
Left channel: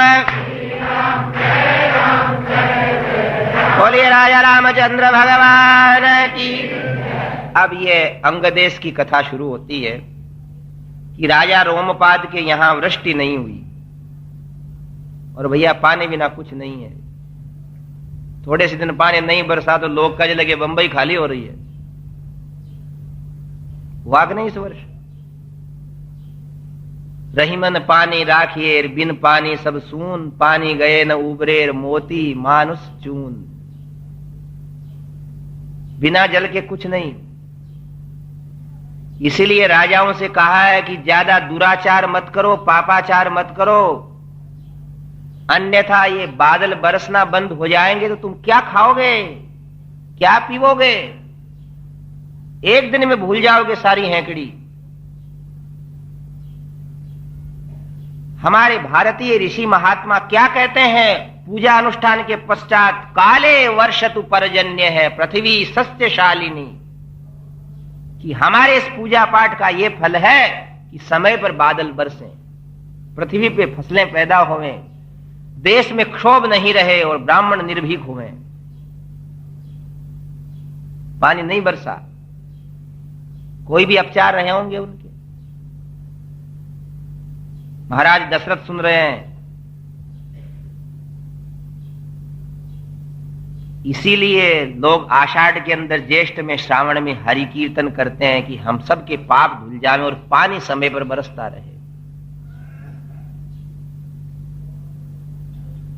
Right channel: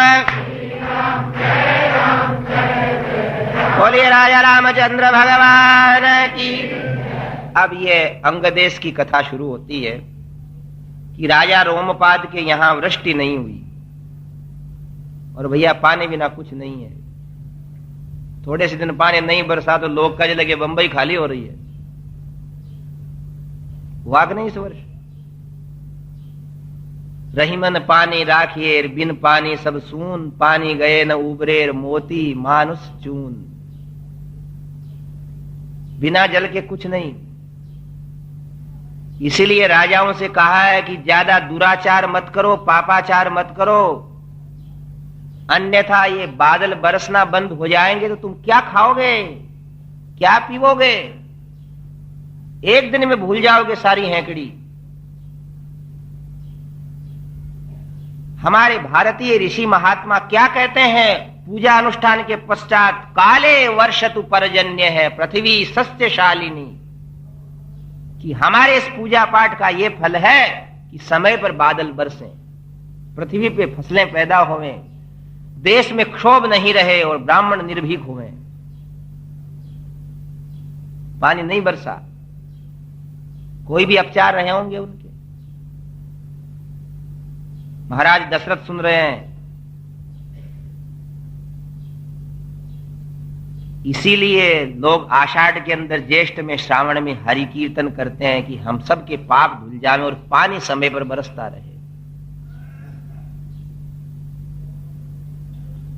बोलिए राजा रामचंद्र भगवान की। अब ये अंगदेश की कथा शुरू होती है कि राजा रोमपाद के यहां वृष्टि नहीं हुई और भैया पानी बिना कुछ नहीं है। थोड़े से दिन पानी नहीं बरसा तो लोग कहने लगे बंबई खाली हो रही है। वाक नहीं इस वर्ष रहीमन पानी राखिए बिन पानी सब सून, पानी गए न उबरे मोती मानुष चून। बिना जल के कुछ नहीं। इसीलिए राजाओं से कहा है कि ज्यादा दुराचार मत करो, पापाचार मत करो, अन्यथा ये बादल बरसना बंद हो जाएंगे तो तुम क्या खाओगे, क्या पीवोगे? एक दिन में भूल जाओगे सारी हैकड़ी। हमारे भारतीय ऋषि महात्मा क्या कहते हैं पूजा अनुष्ठान के पश्चात? काले वर्षतु पर्जन्य है पृथ्वी सस्यशालिनी। कि हमारे इस पूजा पाठ का ये फल है कि समय पर बादल बरसें, पृथ्वी पे फसलें पैदा होवें, देश में क्षोभ नहीं रहे और ब्राह्मण निर्भीक हुए। पानी नहीं बरसा, कोई भी अपचार रहे होंगे उनके। महाराज दशरथ सुन रहे हैं। इसीलिए लोग आषाढ़ के अंदर, ज्येष्ठ में, श्रावण में हरि कीर्तन करते हैं कि हम सब के पाप धुल जाएं और पानी समय पर बरसता रहे।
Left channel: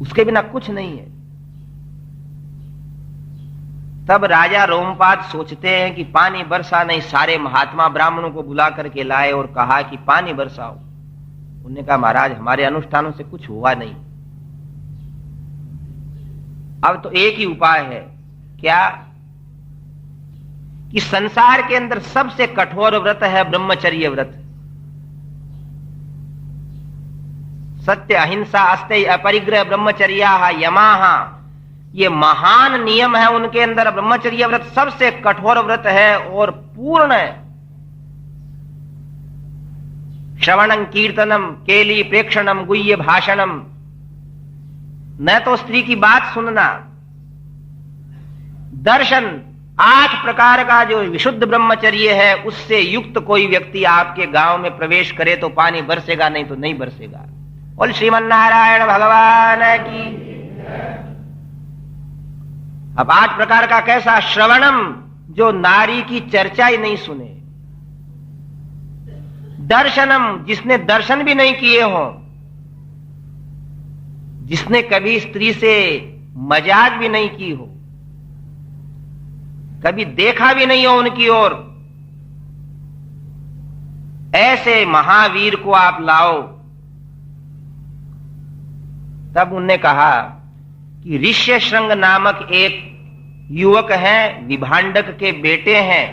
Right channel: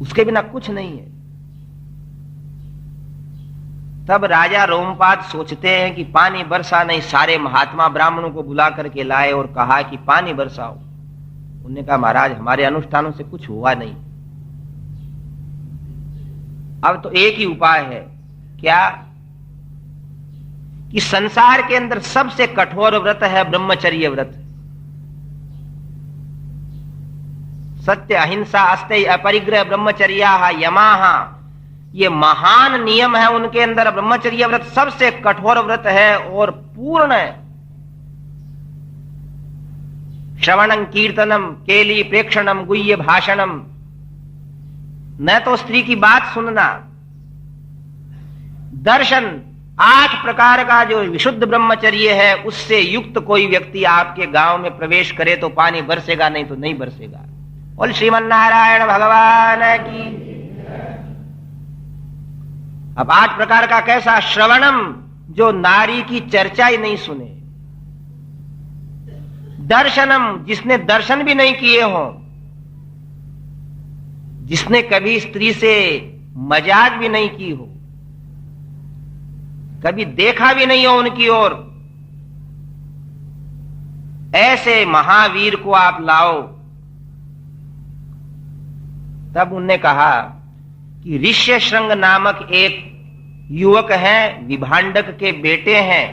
उसके बिना कुछ नहीं है। तब राजा रोमपाद सोचते हैं कि पानी बरसा नहीं। सारे महात्मा ब्राह्मणों को बुला करके लाए और कहा कि पानी बरसाओ। उन्होंने कहा महाराज हमारे अनुष्ठानों से कुछ हुआ नहीं। अब तो एक ही उपाय है, क्या कि संसार के अंदर सबसे कठोर व्रत है ब्रह्मचर्य व्रत। सत्य, अहिंसा, अस्तेय, अपरिग्रह, ब्रह्मचर्या, यमाः, ये महान नियम है उनके अंदर। ब्रह्मचर्य व्रत सबसे कठोर व्रत है और पूर्ण है। श्रवणं कीर्तनम केली प्रेक्षणम गुह्य भाषणम, न तो स्त्री की बात सुनना, दर्शन, 8 प्रकार का जो विशुद्ध ब्रह्मचर्य है उससे युक्त कोई व्यक्ति आपके गांव में प्रवेश करे तो पानी बरसेगा, नहीं तो नहीं बरसेगा। बोल श्रीमन्नारायण भगवान की। अब 8 प्रकार का कैसा? श्रवणम, जो नारी की चर्चा ही नहीं सुने। दर्शनम, जिसने दर्शन भी नहीं किए हो, जिसने कभी स्त्री से मजाक भी नहीं की हो, कभी देखा भी नहीं हो उनकी ओर, ऐसे महावीर को आप लाओ। तब उनने कहा कि ऋष्यशृंग नामक एक युवक हैं, विभांडक के बेटे हैं,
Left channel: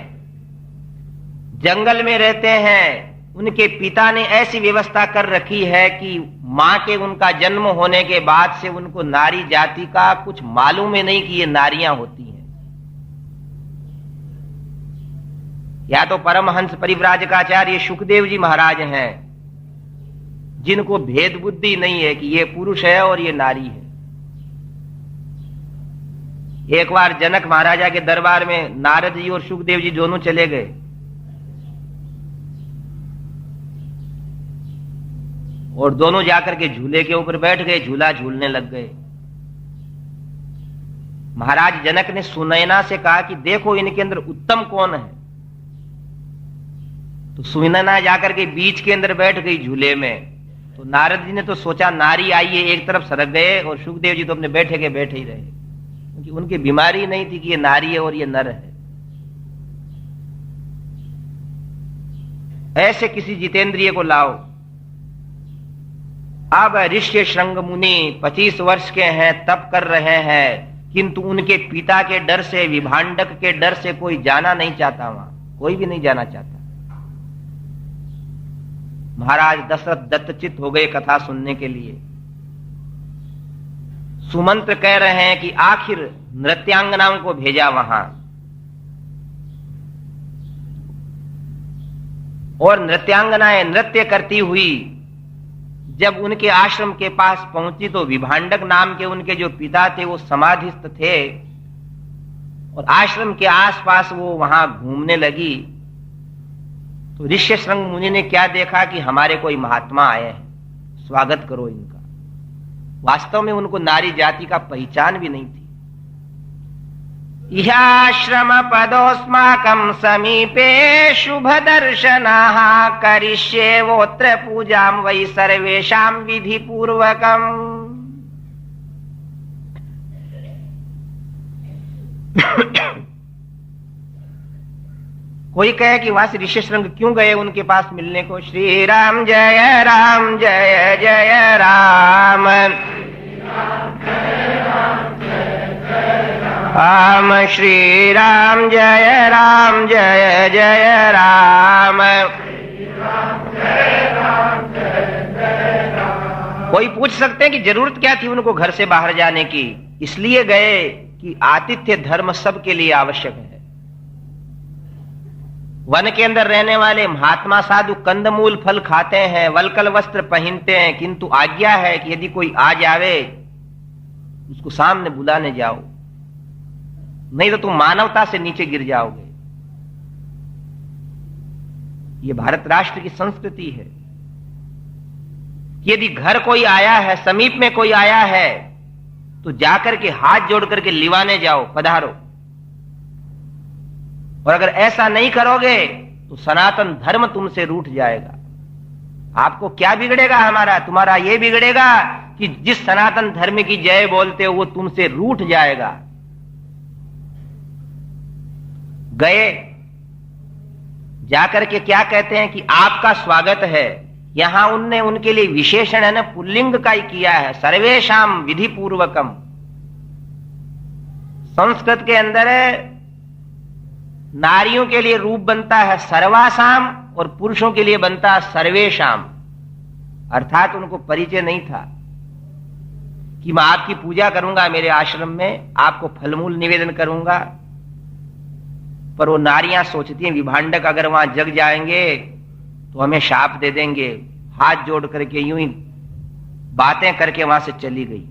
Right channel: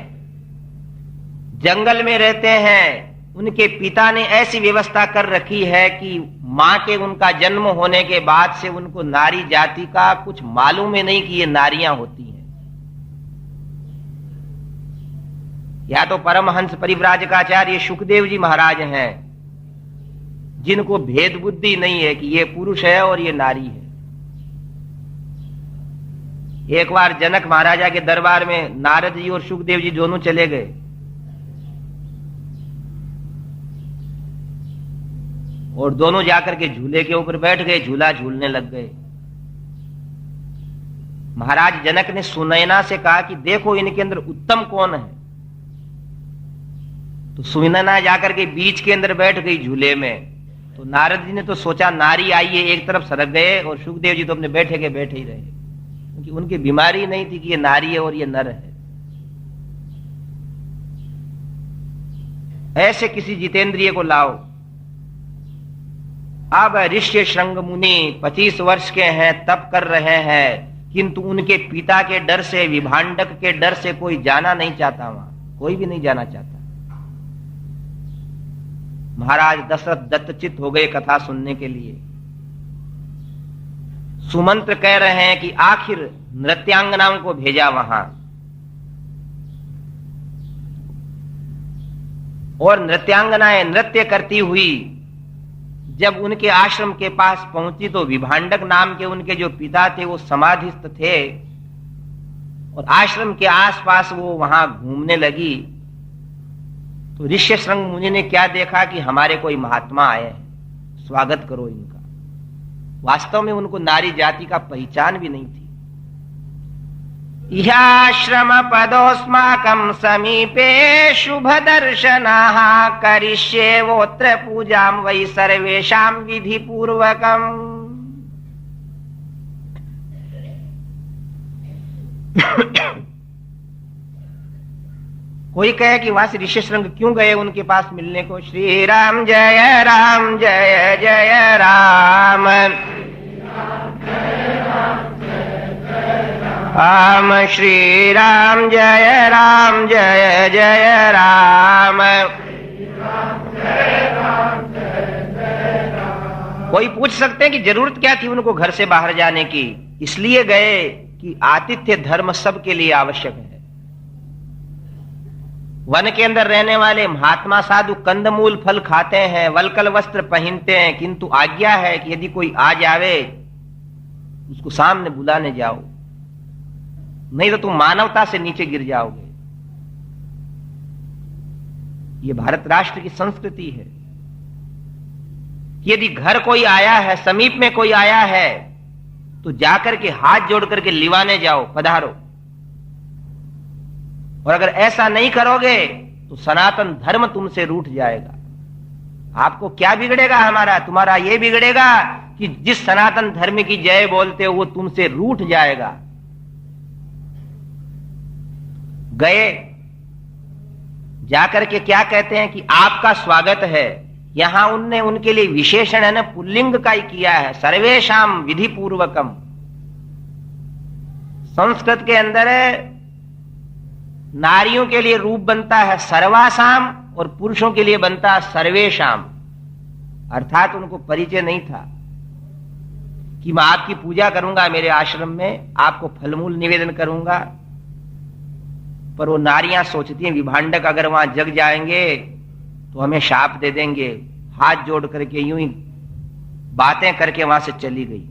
जंगल में रहते हैं। उनके पिता ने ऐसी व्यवस्था कर रखी है कि मां के उनका जन्म होने के बाद से उनको नारी जाति का कुछ मालूम ही नहीं कि ये नारियां होती हैं। या तो परमहंस परिव्राजकाचार्य सुखदेव जी महाराज हैं, जिनको भेद बुद्धि नहीं है कि ये पुरुष है और ये नारी है। एक बार जनक महाराजा के दरबार में नारद जी और सुखदेव जी दोनों चले गए। और दोनों जाकर के झूले के ऊपर बैठ गए, झूला झूलने लग गए। महाराज जनक ने सुनैना से कहा कि देखो इनके अंदर उत्तम कौन है। तो सुनैना जाकर के बीच के अंदर बैठ गई झूले में। तो नारद जी ने तो सोचा नारी आई है, एक तरफ सरक गए, और सुखदेव जी तो अपने बैठे के बैठे ही रहे, क्योंकि उनकी बीमारी नहीं थी कि ये नारी है और ये नर है। ऐसे किसी जितेंद्रिय को लाओ। अब ऋष्यशृंग मुनि 25 वर्ष के हैं, तप कर रहे हैं, किंतु उनके पिता के डर से, विभांडक के डर से कोई जाना नहीं चाहता, वहां कोई भी नहीं जाना चाहता। महाराज दशरथ दत्तचित्त हो गए कथा सुनने के लिए। सुमंत्र कह रहे हैं कि आखिर नृत्यांगनाओं को भेजा वहां, और नृत्यांगनाएं नृत्य करती हुई जब उनके आश्रम के पास पहुंची तो विभांडक नाम के उनके जो पिता थे वो समाधिस्थ थे, और आश्रम के आसपास वो वहां घूमने लगी। तो ऋष्यशृंग मुनि ने क्या देखा कि हमारे कोई महात्मा आए हैं, स्वागत करो इनका। वास्तव में उनको नारी जाति का पहचान भी नहीं थी। इहाश्रम पदोस्माकं समीपे शुभ दर्शनाः करिष्येवोत्र पूजां वै सर्वेषां विधि पूर्वकम्। कोई कहे कि वहां से ऋष्यशृंग क्यों गए उनके पास मिलने को। श्री राम जय राम जय जय राम, राम श्री राम जय जय राम। कोई पूछ सकते हैं कि जरूरत क्या थी उनको घर से बाहर जाने की। इसलिए गए कि आतिथ्य धर्म सबके लिए आवश्यक है। वन के अंदर रहने वाले महात्मा साधु कंदमूल फल खाते हैं, वल्कल वस्त्र पहनते हैं, किंतु आज्ञा है कि यदि कोई आ जावे उसको सामने बुलाने जाओ, नहीं तो तुम मानवता से नीचे गिर जाओगे। ये भारत राष्ट्र की संस्कृति है। यदि घर कोई आया है, समीप में कोई आया है, तो जाकर के हाथ जोड़ करके लिवाने जाओ, पधारो। और अगर ऐसा नहीं करोगे तो सनातन धर्म तुमसे रूठ जाएगा। आपको क्या बिगड़ेगा हमारा? तुम्हारा ये बिगड़ेगा कि जिस सनातन धर्म की जय बोलते हो वो तुमसे रूठ जाएगा। गए, जाकर के क्या कहते हैं कि आपका स्वागत है। यहां उनने उनके लिए विशेषण है ना, पुल्लिंग का ही किया है, सर्वेशाम विधि पूर्वकम। संस्कृत के अंदर नारियों के लिए रूप बनता है सर्वासाम और पुरुषों के लिए बनता है सर्वेशाम। अर्थात उनको परिचय नहीं था कि मैं आपकी पूजा करूंगा मेरे आश्रम में, आपको फलमूल निवेदन करूंगा। पर वो नारियां सोचती हैं विभांडक अगर वहां जग जाएंगे तो हमें शाप दे देंगे। हाथ जोड़ करके यूं ही बातें करके वहां से चली गई।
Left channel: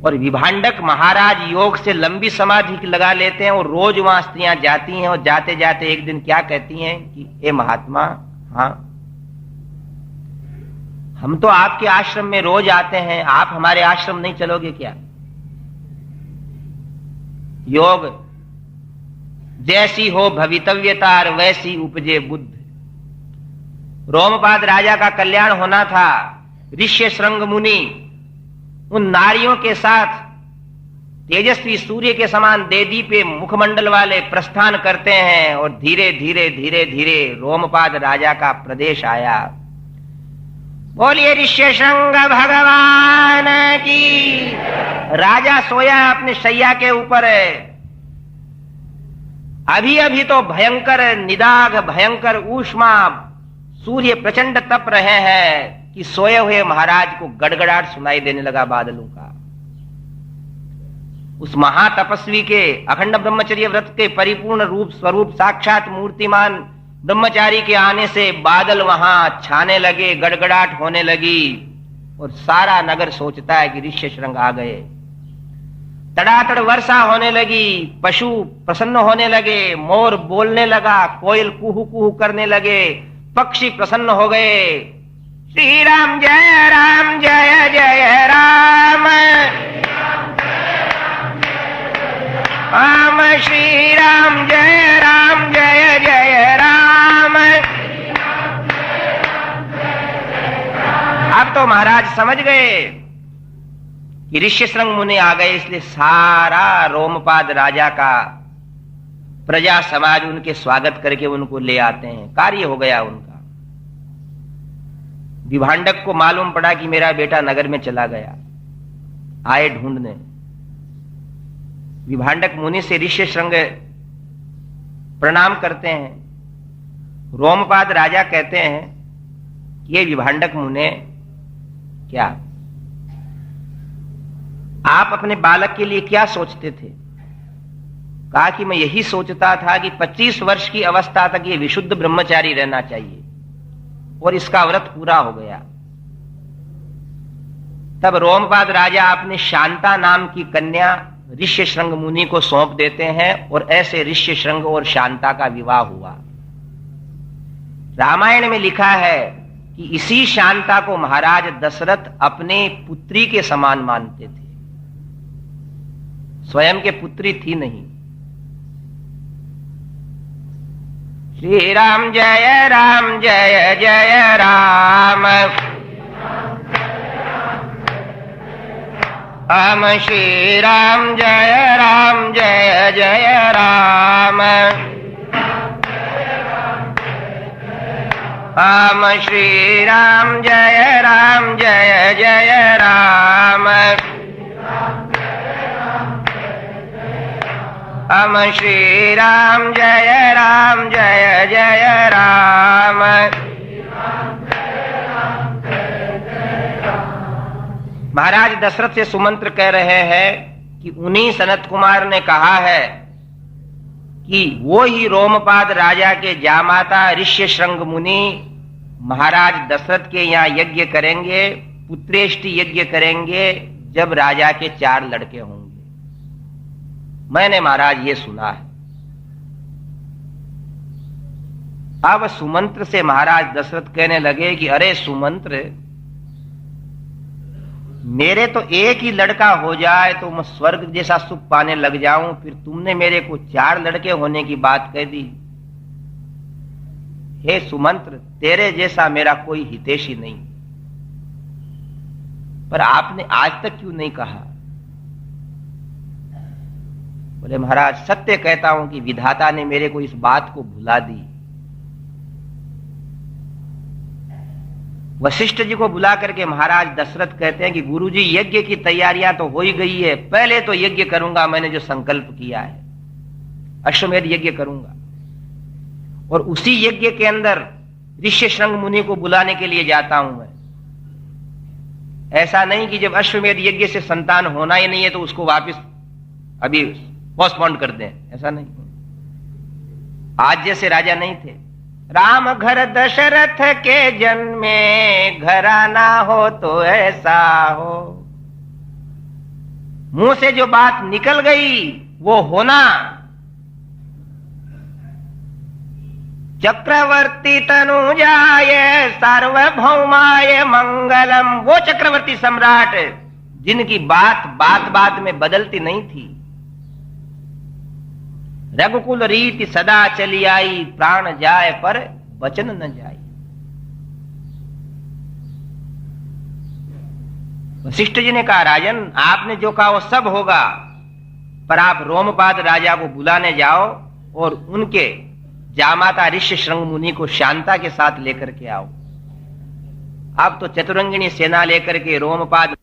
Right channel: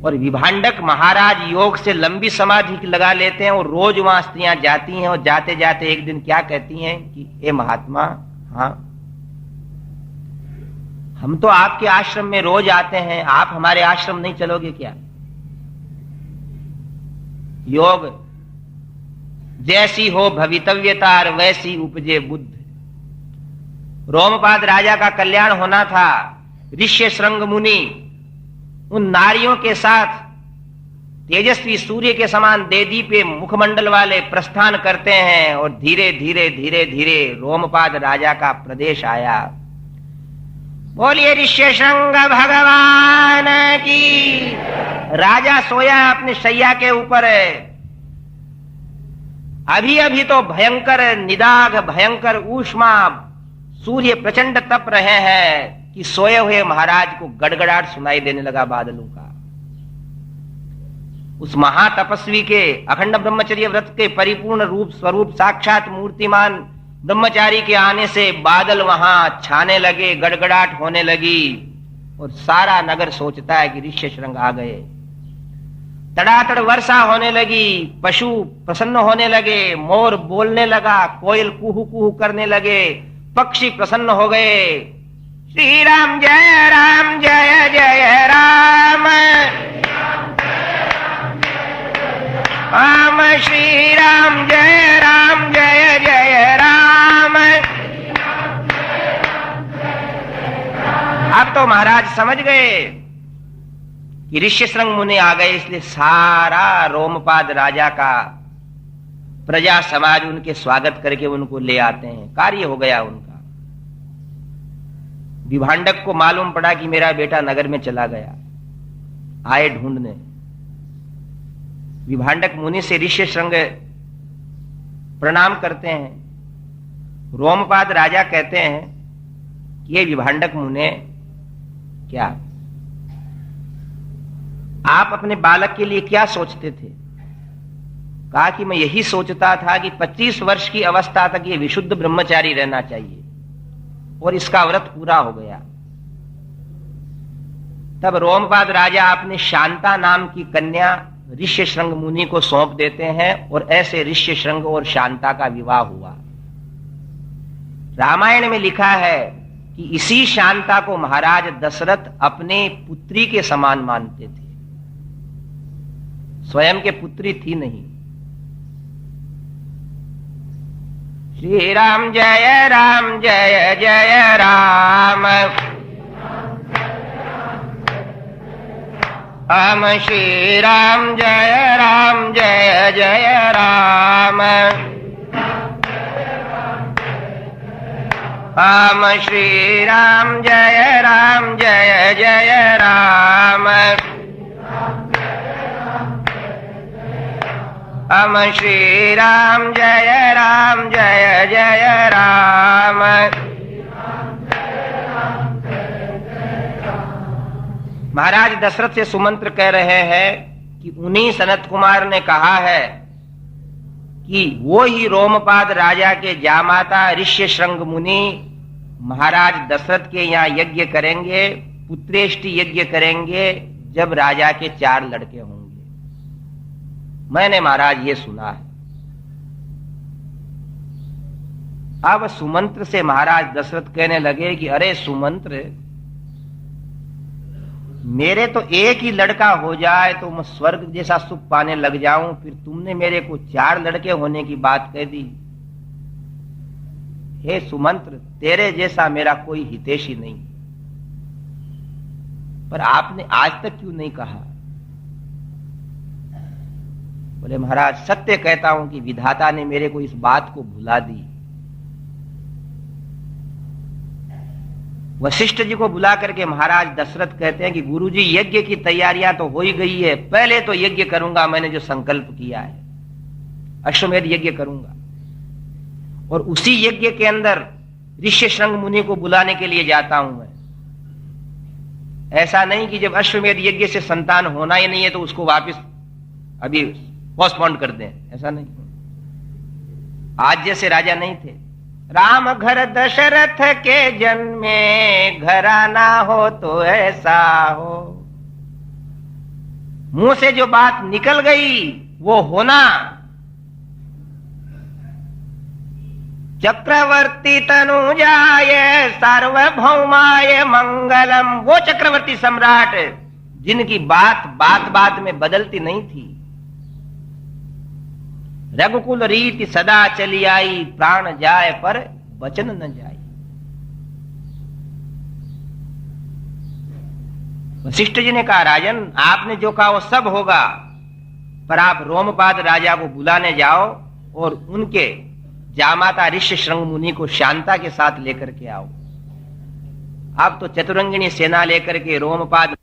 और विभांडक महाराज योग से लंबी समाधि लगा लेते हैं और रोज वहां स्त्रियां जाती हैं और जाते जाते एक दिन क्या कहती हैं कि ए महात्मा, हाँ हम तो आपके आश्रम में रोज आते हैं, आप हमारे आश्रम नहीं चलोगे क्या? योग जैसी हो भवितव्यता वैसी उपजे बुद्ध। रोमपाद राजा का कल्याण होना था। ऋष्य श्रृंग मुनि उन नारियों के साथ तेजस्वी सूर्य के समान देदीप्य मुखमंडल वाले प्रस्थान करते हैं और धीरे धीरे धीरे धीरे रोमपाद राजा का प्रदेश आया। बोलिए ऋष्य श्रृंग भगवान की। राजा सोया अपने शैया के ऊपर। अभी अभी तो भयंकर निदाग, भयंकर ऊष्मा, सूर्य प्रचंड तप रहे हैं कि सोए हुए महाराज को गड़गड़ाहट सुनाई देने लगा बादलों का। उस महातपस्वी के अखंड ब्रह्मचर्य व्रत के परिपूर्ण रूप स्वरूप साक्षात मूर्तिमान ब्रह्मचारी के आने से बादल वहां छाने लगे, गड़गड़ाहट होने लगी और सारा नगर सोचता है कि ऋष्य श्रृंग आ गए। तड़ातड़ वर्षा होने लगी, पशु प्रसन्न होने लगे, मोर बोलने लगा, कोयल कुहू कुहू करने लगे, पक्षी प्रसन्न हो गए। श्री राम जय राम जय जय राम, राम श्री राम जय जय राम। अब तो महाराज समझ गए कि ऋष्य श्रृंग मुनि आ गए, इसलिए सारा रोमपाद राजा का प्रजा समाज उनके स्वागत करके उनको ले आते हैं। कार्य हो गया उनका। विभांडक को मालूम पड़ा कि मेरा बेटा नगर में चला गया, आए ढूंढने। विभांडक मुनि से ऋष्य श्रृंग प्रणाम करते हैं। रोमपाद राजा कहते हैं ये विभांडक मुने, क्या आप अपने बालक के लिए क्या सोचते थे? कहा कि मैं यही सोचता था कि 25 वर्ष की अवस्था तक ये विशुद्ध ब्रह्मचारी रहना चाहिए और इसका व्रत पूरा हो गया। तब रोमपाद राजा अपने शांता नाम की कन्या ऋष्य श्रृंग मुनि को सौंप देते हैं और ऐसे ऋष्य श्रृंग और शांता का विवाह हुआ। रामायण में लिखा है कि इसी शांता को महाराज दशरथ अपने पुत्री के समान मानते थे। स्वयं के पुत्री थी नहीं। श्री राम जय जय राम, राम श्री राम जय जय राम, राम श्री राम जय जय राम, राम श्री राम जय जय राम। महाराज दशरथ से सुमंत्र कह रहे हैं कि उन्हीं सनत कुमार ने कहा है कि वो ही रोमपाद राजा के जामाता ऋष्य श्रृंग मुनि महाराज दशरथ के यहाँ यज्ञ करेंगे, पुत्रेष्टि यज्ञ करेंगे, जब राजा के 4 लड़के होंगे। मैंने महाराज ये सुना है। अब सुमंत्र से महाराज दशरथ कहने लगे कि अरे सुमंत्र, मेरे तो एक ही लड़का हो जाए तो मैं स्वर्ग जैसा सुख पाने लग जाऊं, फिर तुमने मेरे को 4 लड़के होने की बात कह दी। हे सुमंत्र, तेरे जैसा मेरा कोई हितैषी नहीं, पर आपने आज तक क्यों नहीं कहा? बोले महाराज सत्य कहता हूं कि विधाता ने मेरे को इस बात को भुला दी। वशिष्ठ जी को बुला करके महाराज दशरथ कहते हैं कि गुरुजी यज्ञ की तैयारियां तो हो ही गई है, पहले तो यज्ञ करूंगा, मैंने जो संकल्प किया है अश्वमेध यज्ञ करूंगा। और उसी यज्ञ के अंदर ऋष्य शृंग मुनि को बुलाने के लिए जाता हूं मैं। ऐसा नहीं कि जब अश्वमेध यज्ञ से संतान होना ही नहीं है तो उसको वापस अभी पोस्टपोन कर दें, ऐसा नहीं। आज जैसे राजा नहीं थे। राम घर दशरथ के जन्मे, घराना हो तो ऐसा हो। मुंह से जो बात निकल गई वो होना। चक्रवर्ती तनुजाय सार्वभौमाय मंगलम, वो चक्रवर्ती सम्राट जिनकी बात बात बात में बदलती नहीं थी। रघुकुल रीति सदा चली आई, प्राण जाए पर वचन न जाए। वशिष्ठ जी ने कहा राजन आपने जो कहा वो सब होगा, पर आप रोमपाद राजा को बुलाने जाओ और उनके जामाता ऋष्य शृंग मुनि को शांता के साथ लेकर के आओ। आप तो चतुरंगिणी सेना लेकर के रोमपाद